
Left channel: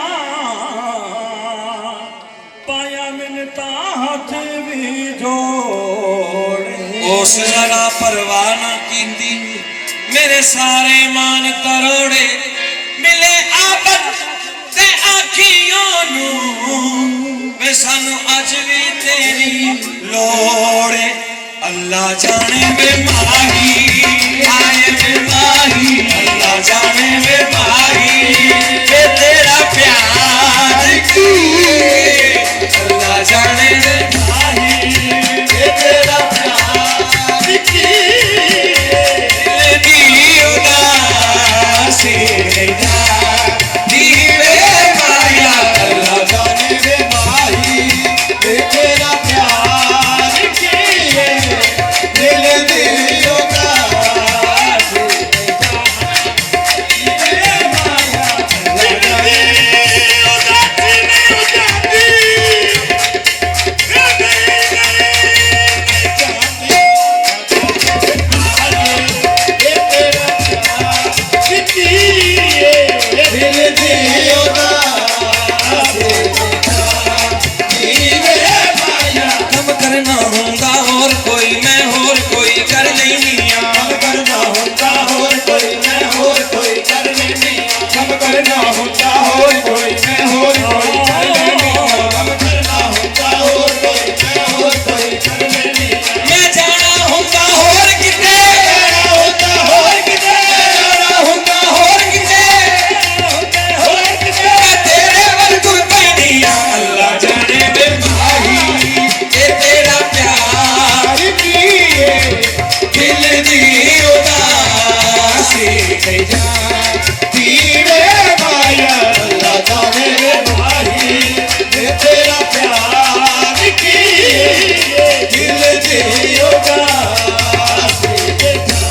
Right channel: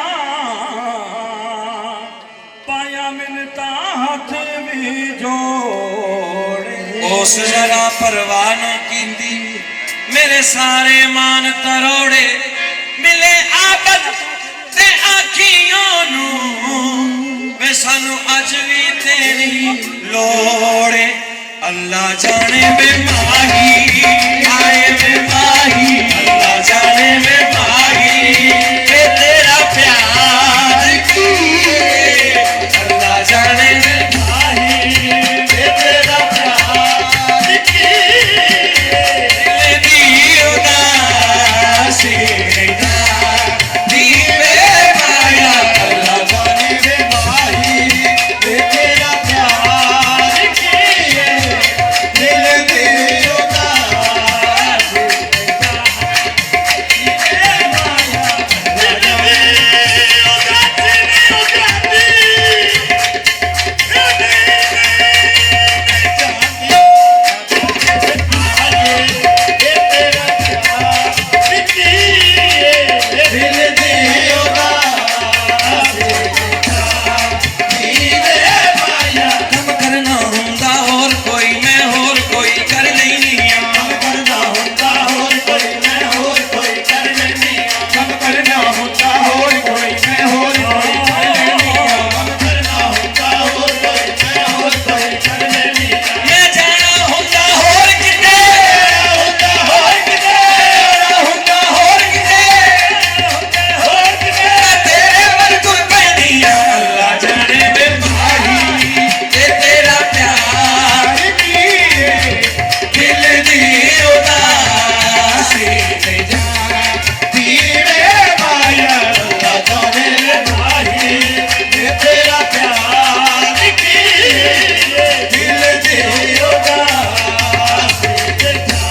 पाया मिन्नता हथ भी जोड़े उस जरा परवाह ना कीती मेरे सारे मान तरोड़े मिले आबद ते आखियों नू वे सानू अज भी तेरी लोड़े अल्लाह जाने वे माही आए वे माही अल्लाह जाने वे माही वे तेरा प्यार की अल्लाह जाने वे माही वे तेरा प्यार की दिल दी उदासी दीवे माया अल्लाह जाने वे माही वे तेरा प्यार की दिल दी उदासी दीवे माया अल्लाह दिल दी उदासी दीवे माया कम करना हुंदा और कोई मैं होर कोई कर लैनिया कम करना हुंदा होर कोई मैं होर कोई कर लैनिया कम करना हुंदा होर कोई मैं होर कोई कर लैनिया कम करना हुंदा होर कोई मैं होर कोई कर लैनिया मैं जाना हुंदा होर किते हुंदा होर किते हुंदा होर किते होर किते तेरे वर तुर पैनिया अल्लाह जाने वे माही ये तेरा प्यार की दिल दी उदासी ते जा दीवे माया अल्लाह जाने वे माही ये तेरा प्यार की दिल दी उदासी ते जा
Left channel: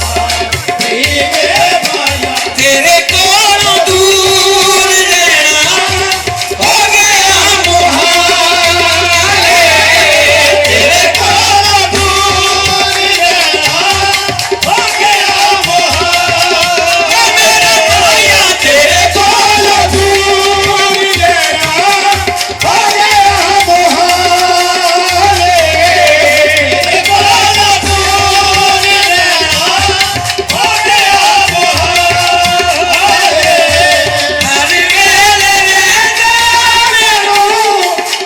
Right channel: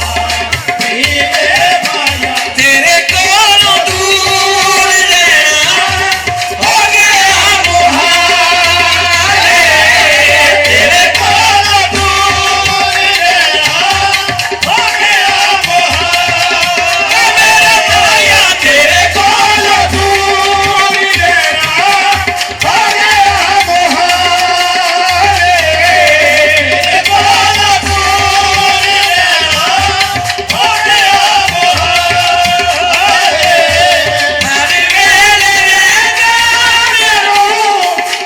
दीवे माया तेरे कोलों दूर रहना हो गया मुहाल तेरे कोलों दूर रहना हो गया मुहाल मेरे माया तेरे कोलों दूर रहना हो गया मुहाल तेरे कोलों दूर रहना हो गया मुहाल हर वेले रहना मैनू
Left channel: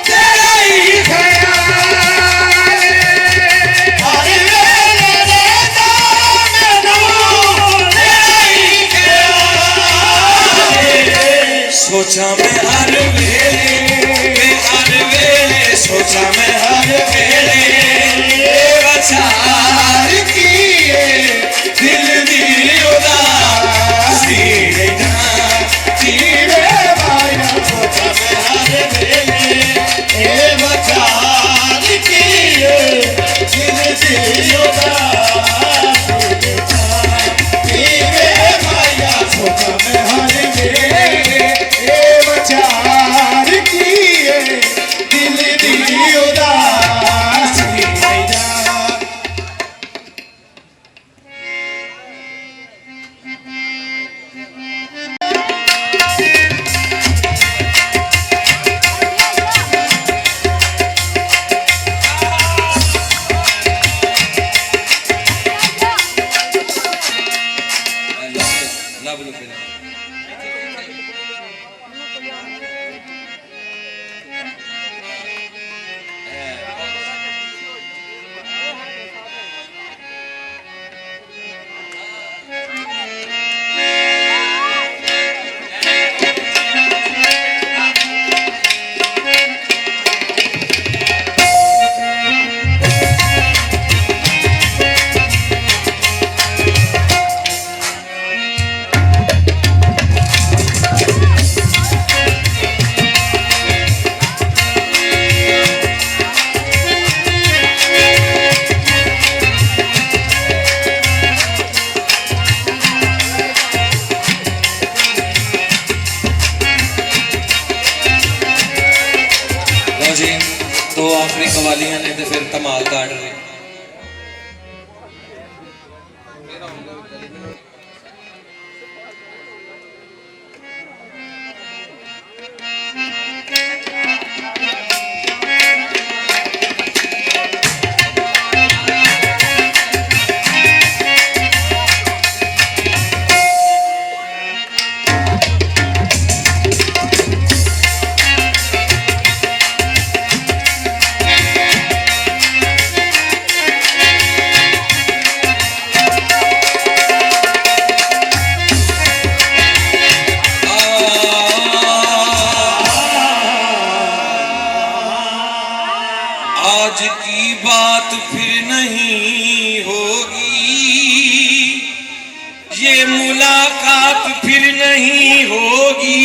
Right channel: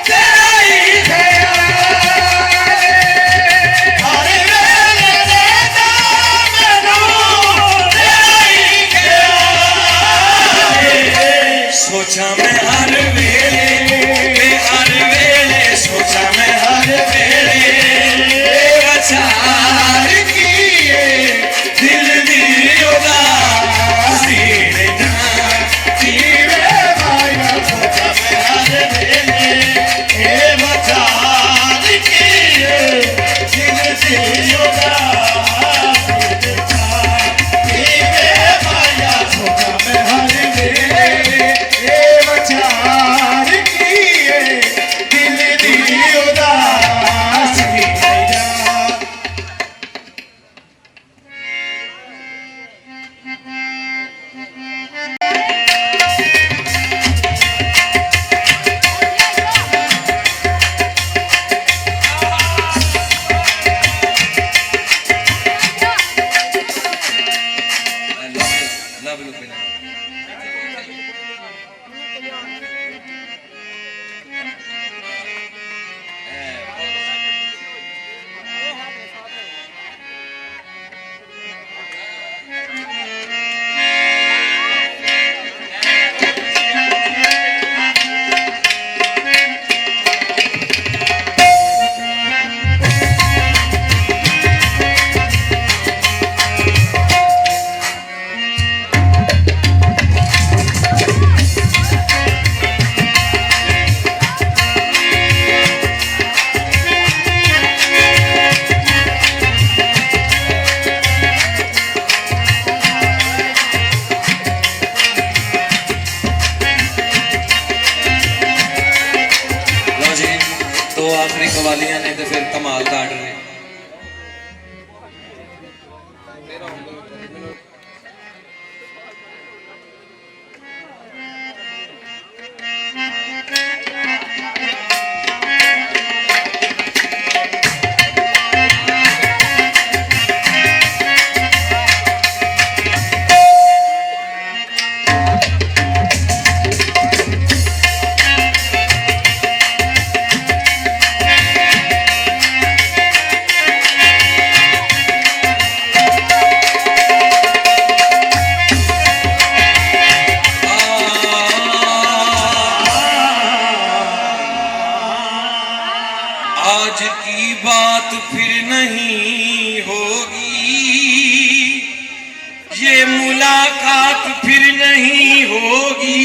तेरा ही ख्याल हर वेले रहना मैनू तेरा ही ख्याल सोचा मैं हर वेले सोचा मैं हर वेले विचार किए दिल दी उदासी कीरे माया सोचा मैं हर वेले विचार किए दिल दी उदासी कीरे माया सोचा मैं हर वेले विचार किए दिल दी उदासी आखिरी कवालियां ने तो फिर धमाल दाड़ रहे। आज की बात फिर नहीं होगी, ये मुलाकात फिर नहीं होगी।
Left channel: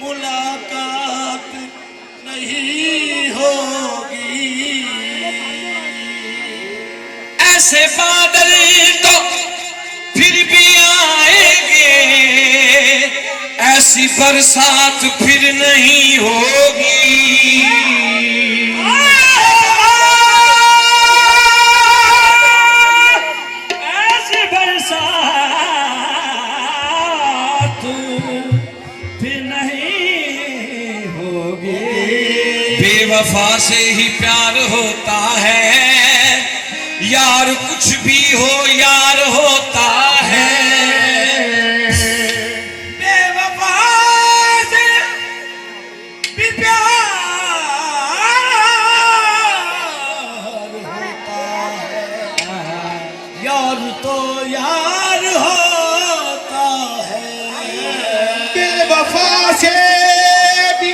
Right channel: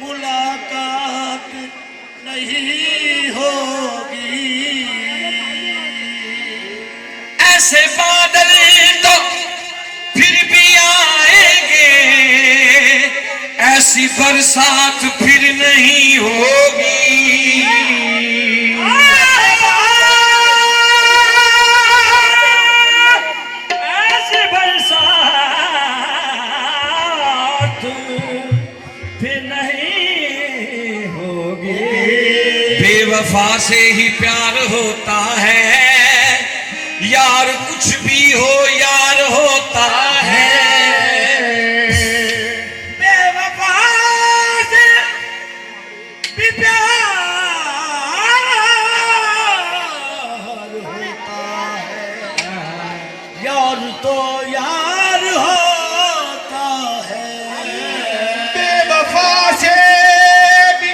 मुलाकात नहीं होगी। ऐसे बादल तो फिर भी आएंगे, ऐसी बरसात फिर नहीं होगी। ऐसी बरसात फिर नहीं होगी। बेवफा से ही प्यार होता है, यार कुछ भी हो यार होता है। यार तो यार होता है। बेवफा से भी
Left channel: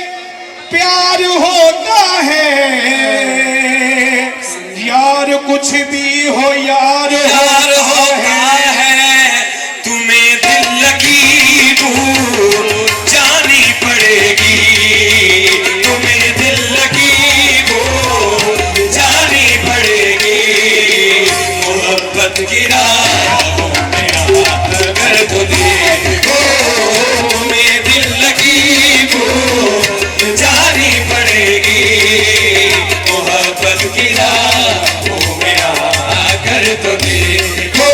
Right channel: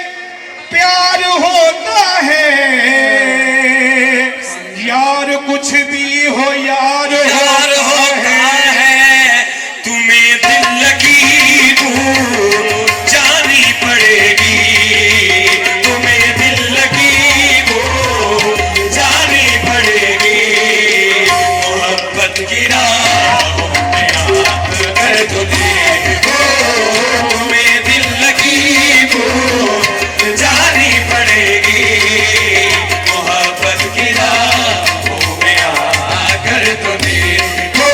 प्यार होता है, यार कुछ भी हो यार होता है। तुम्हें दिल लगी वो जानी पड़ेगी, तुम्हें दिल लगी वो जानी पड़ेगी। मोहब्बत की राहों में हाथ कर तो देखो, तुम्हें दिल लगी वो जानी पड़ेगी। मोहब्बत की राहों में आकर तो देखो,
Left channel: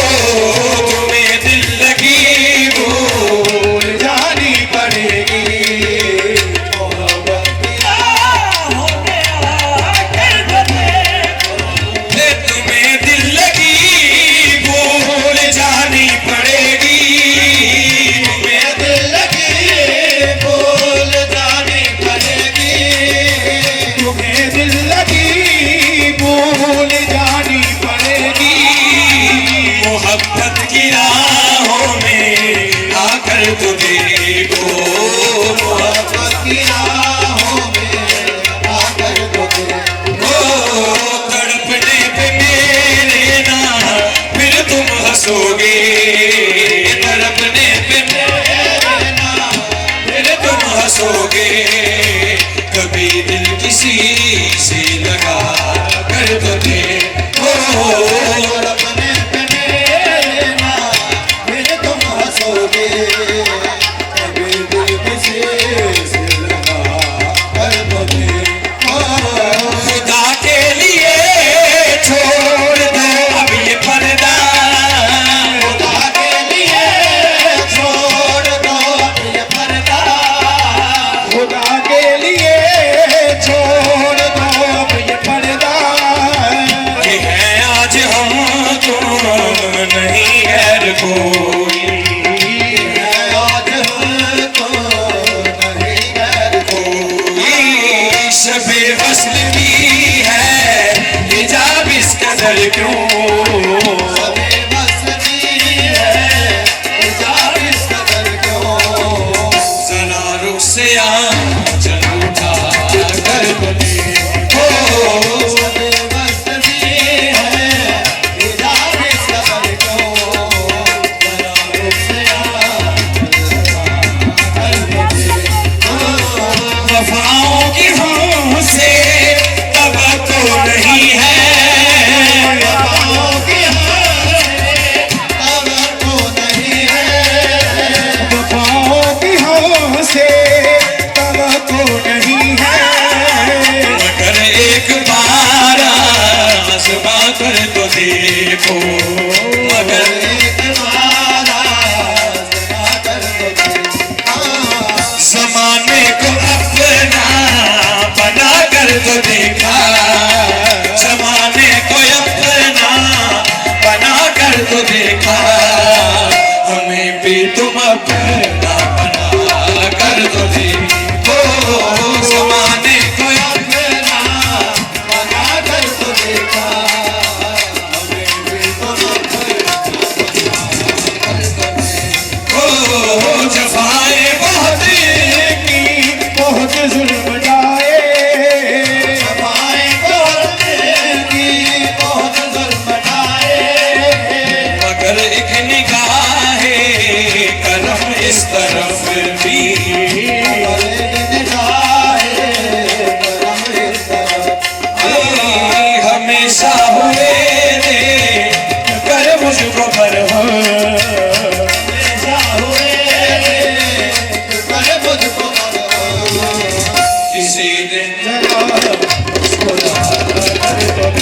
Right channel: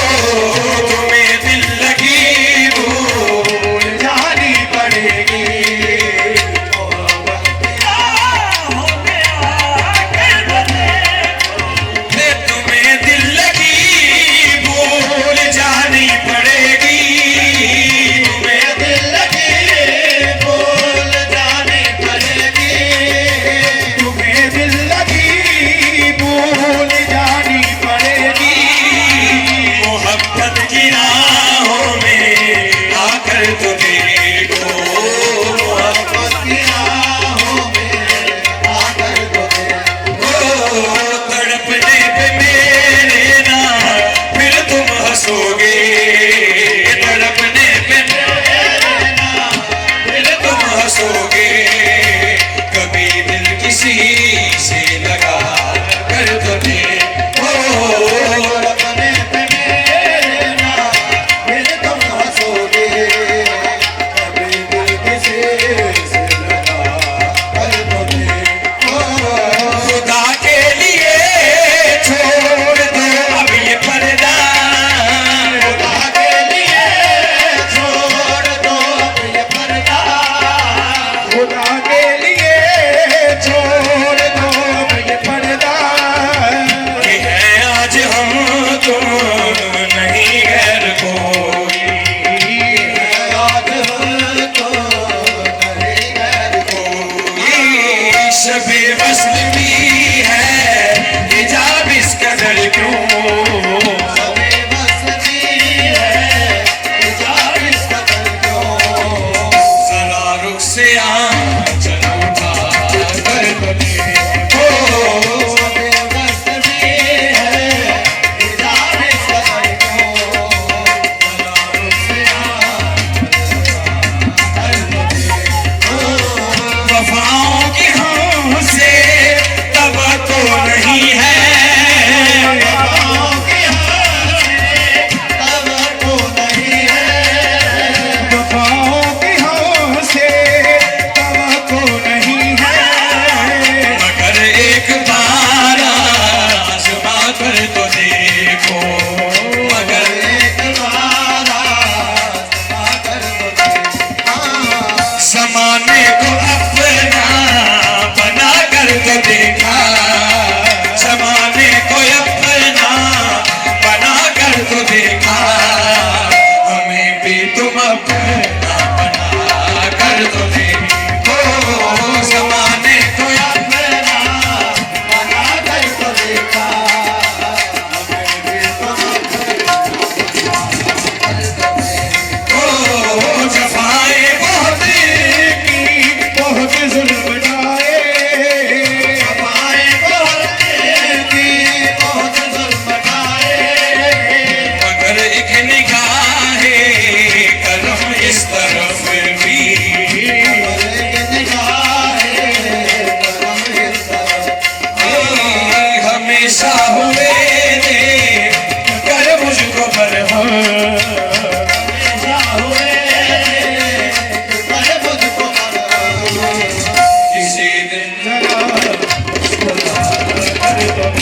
तुम्हें दिल लगी वो जानी पड़ेगी। मोहब्बत की राहों में आकर तो देखो, तुम्हें दिल लगी भूल जानी पड़ेगी। तुम्हें दिल लगी भूल जानी पड़ेगी। तुम्हें दिल लगी भूल जानी पड़ेगी। मोहब्बत की राहों में आकर तो देखो, मोहब्बत की राहों में आकर तो देखो। तड़पने पे मेरे ना फिर तुम हंसोगे, तड़पने पे मेरे ना फिर तुम हंसोगे। कभी दिल किसी से लगा कर तो देखो, तड़पने पे मेरे ना फिर तुम हंसोगे। कभी दिल किसी से लगा कर तो देखो। खुदा के लिए छोड़ दो अब ये पर्दा, खुदा के लिए छोड़ दो अब ये पर्दा। खुदा के लिए छोड़ दो अब ये पर्दा। ये है आज हम तुम नहीं गैर कोई, आज हम तुम नहीं गैर कोई। शबे वस्ल भी है हिजाब इस कदर क्यों, शबे वस्ल भी है हिजाब इस कदर क्यों। जरा रुख से आंचल उठा कर बने हो, शबे वस्ल भी है हिजाब इस कदर क्यों। जरा रुख से आंचल उठा कर बने हो। वफाओं की हमसे तवक्को नहीं है, इस तरफ भी हमेशा हुए ने कर मुझको बरहम, हमेशा हुए कर मुझको बरहम, किसी दिन जरा मुझको याद करो।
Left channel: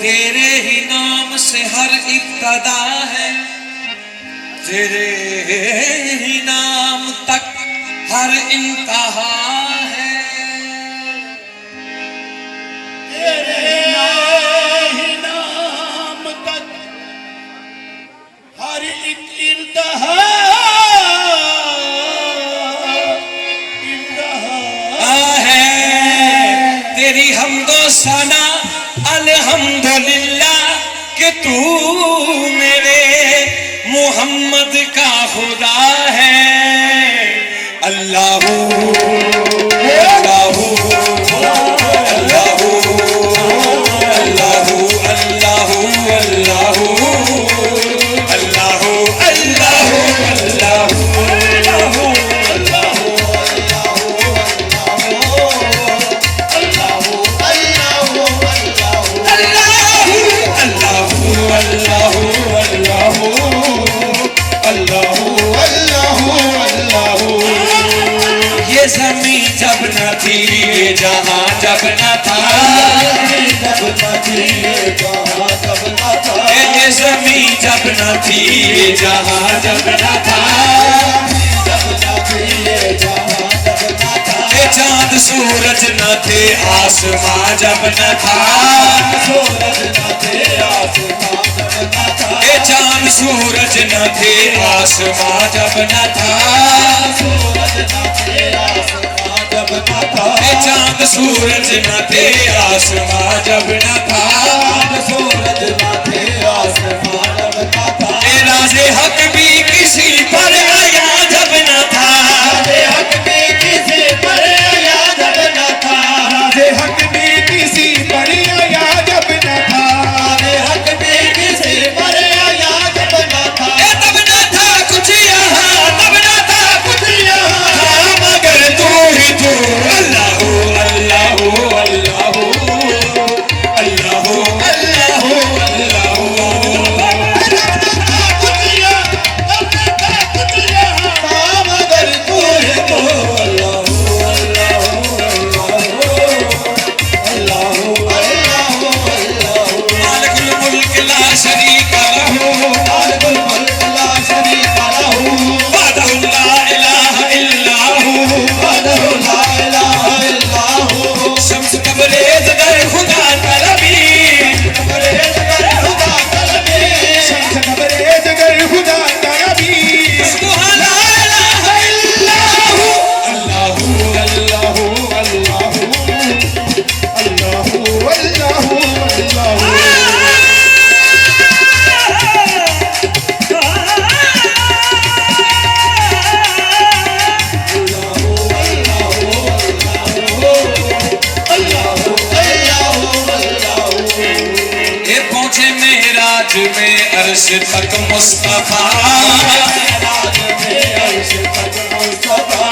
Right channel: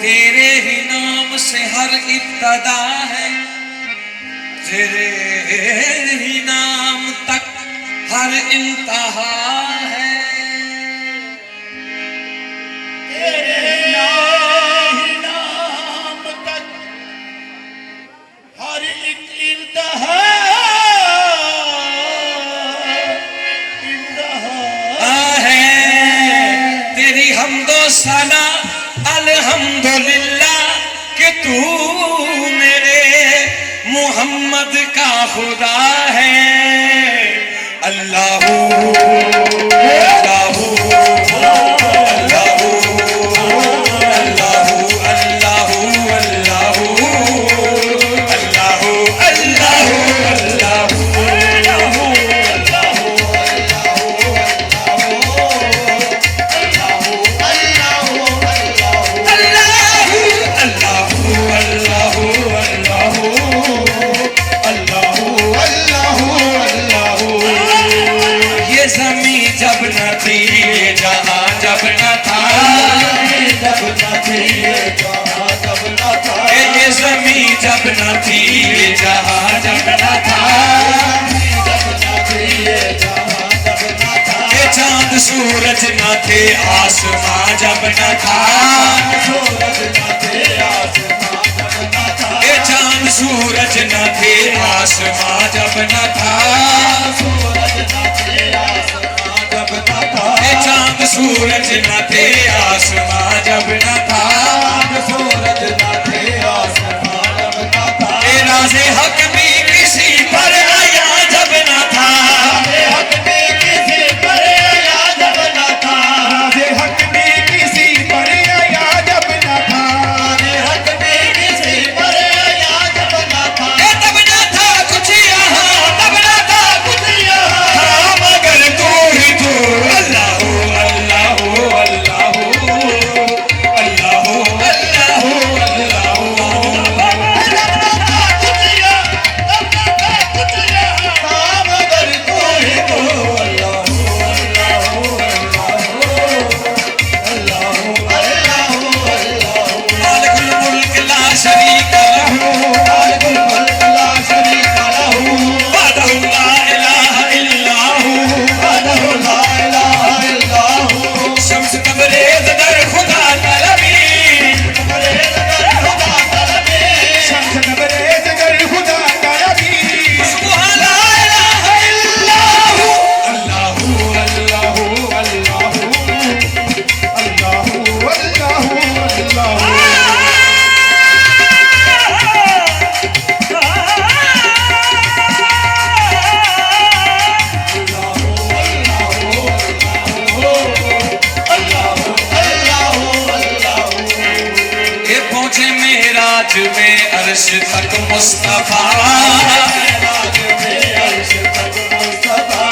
तेरे ही नाम से हर इब्तदा है, तेरे ही नाम तक हर इंतहा है, तेरे ही नाम तक हर एक इंतहा है, तेरी हमदो सना अल्हम्दुलिल्लाह कि तू मेरे मोहम्मद का खुदा है। अल्लाहू अल्लाहू अल्लाहू अल्लाहू अल्लाहू अल्लाहू अल्लाहू अल्लाहू जब न थी जहाँ जब न था, जब न थी जहाँ जब न था, ये ज़मीं जब न थी जहाँ जब न था, जब न थी जहाँ जब न था, ये चाँद सूरज न थे आसमां जब न था, सूरज न थे आसमां जब न था, ये चाँद सूरज न थे आसमां जब न था, सूरज न थे आसमां चांद सूरज न थे आसमां जब न था, सूरज न थे आसमां जब न था, राज़े हक भी किसी पर आया जब न था, हक भी किसी पर आया जब न था, राज़े हक भी किसी पर आया जब न था, हक भी किसी पर आया जब न था, तब न था कुछ यहाँ, तब न था कुछ यहाँ, मगर तू ही तू अल्लाहू अल्लाहू अल्लाहू अल्लाहू अल्लाहू मगर तू ही तू अल्लाहू अल्लाहू अल्लाहू अल्लाहू मालिकुल मुल्क ला शरीक लहू, मालिकुल मुल्क ला शरीक लहू, वहदहु ला इलाहा इल्ला हू, वहदहु ला इलाहा इल्ला हू, शम्स तबरेज़ दर खुदा तलबी, तबरेज़ दर खुदा तलबी, शम्स तबरेज़ दर खुदा तलबी, ला इलाहा इल्ला हू, अल्लाहू अल्लाहू अल्लाहू अल्लाहू अल्लाहू अल्लाहू में अर्श तक मुस्तफा,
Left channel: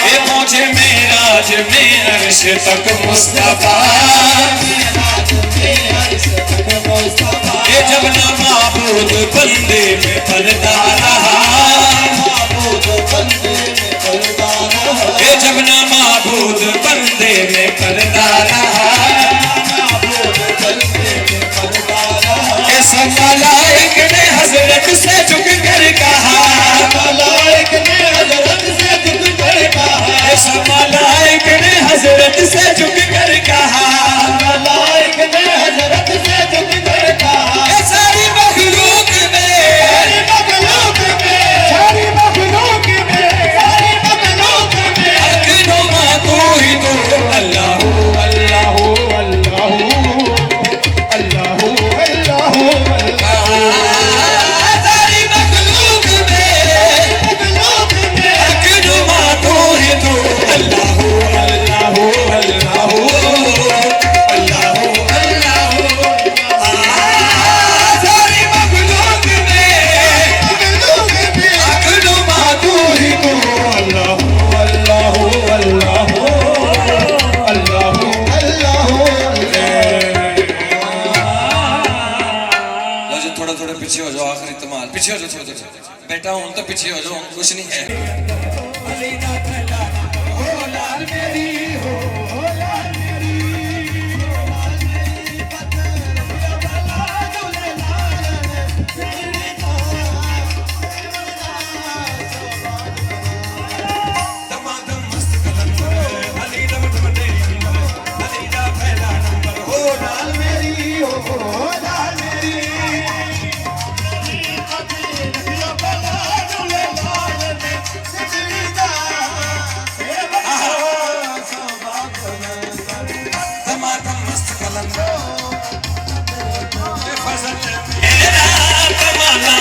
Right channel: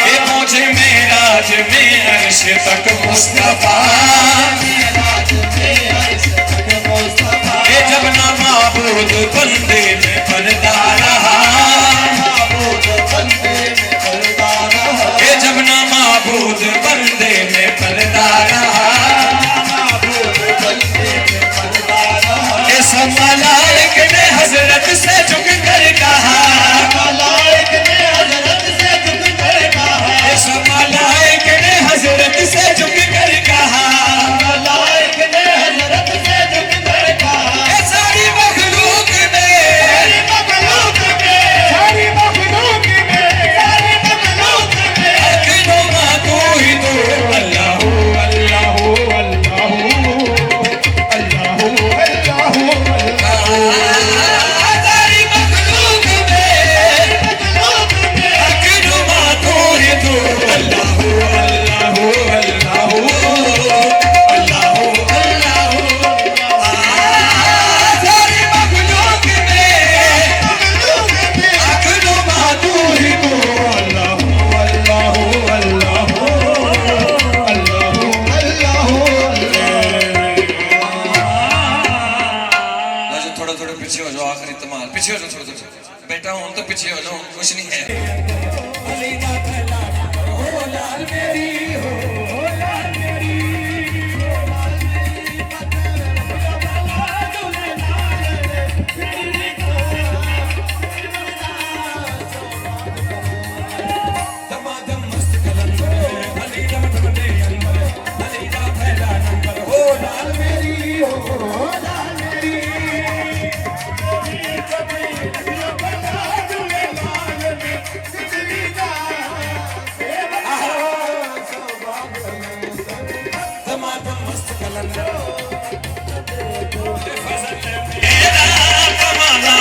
ये पहुंचे मेरा मेराज में अर्श तक मुस्तफा ये जब ना माबूद बंदे में पर्दा रहा ये जब ना माबूद बंदे में पर्दा रहा इस मलाइक ने हजरत से झुक कर कहा मलाइक ने हजरत से झुक कर कहा इस मलाइक ने हजरत से झुक कर कहा मलाइक ने हजरत से झुक कर कहा सारी मखलूक में सारी मखलूक में अखिनुमा तू ही तो अल्लाह अल्लाह अल्लाह सारी मखलूक में अखिनुमा तू ही तो अल्लाह अल्लाह अल्लाह अल्लाह अल्लाह सारी मखलूक में अखिनुमा तू ही तो अल्लाह अल्लाह अल्लाह थोड़ा थोड़ा पीछे हो जाओ आखिरी तमाल पीछे हो जाओ थोड़ा थोड़ा बेटा हूं तो पीछे हो जाओ कुछ नहीं है कमाना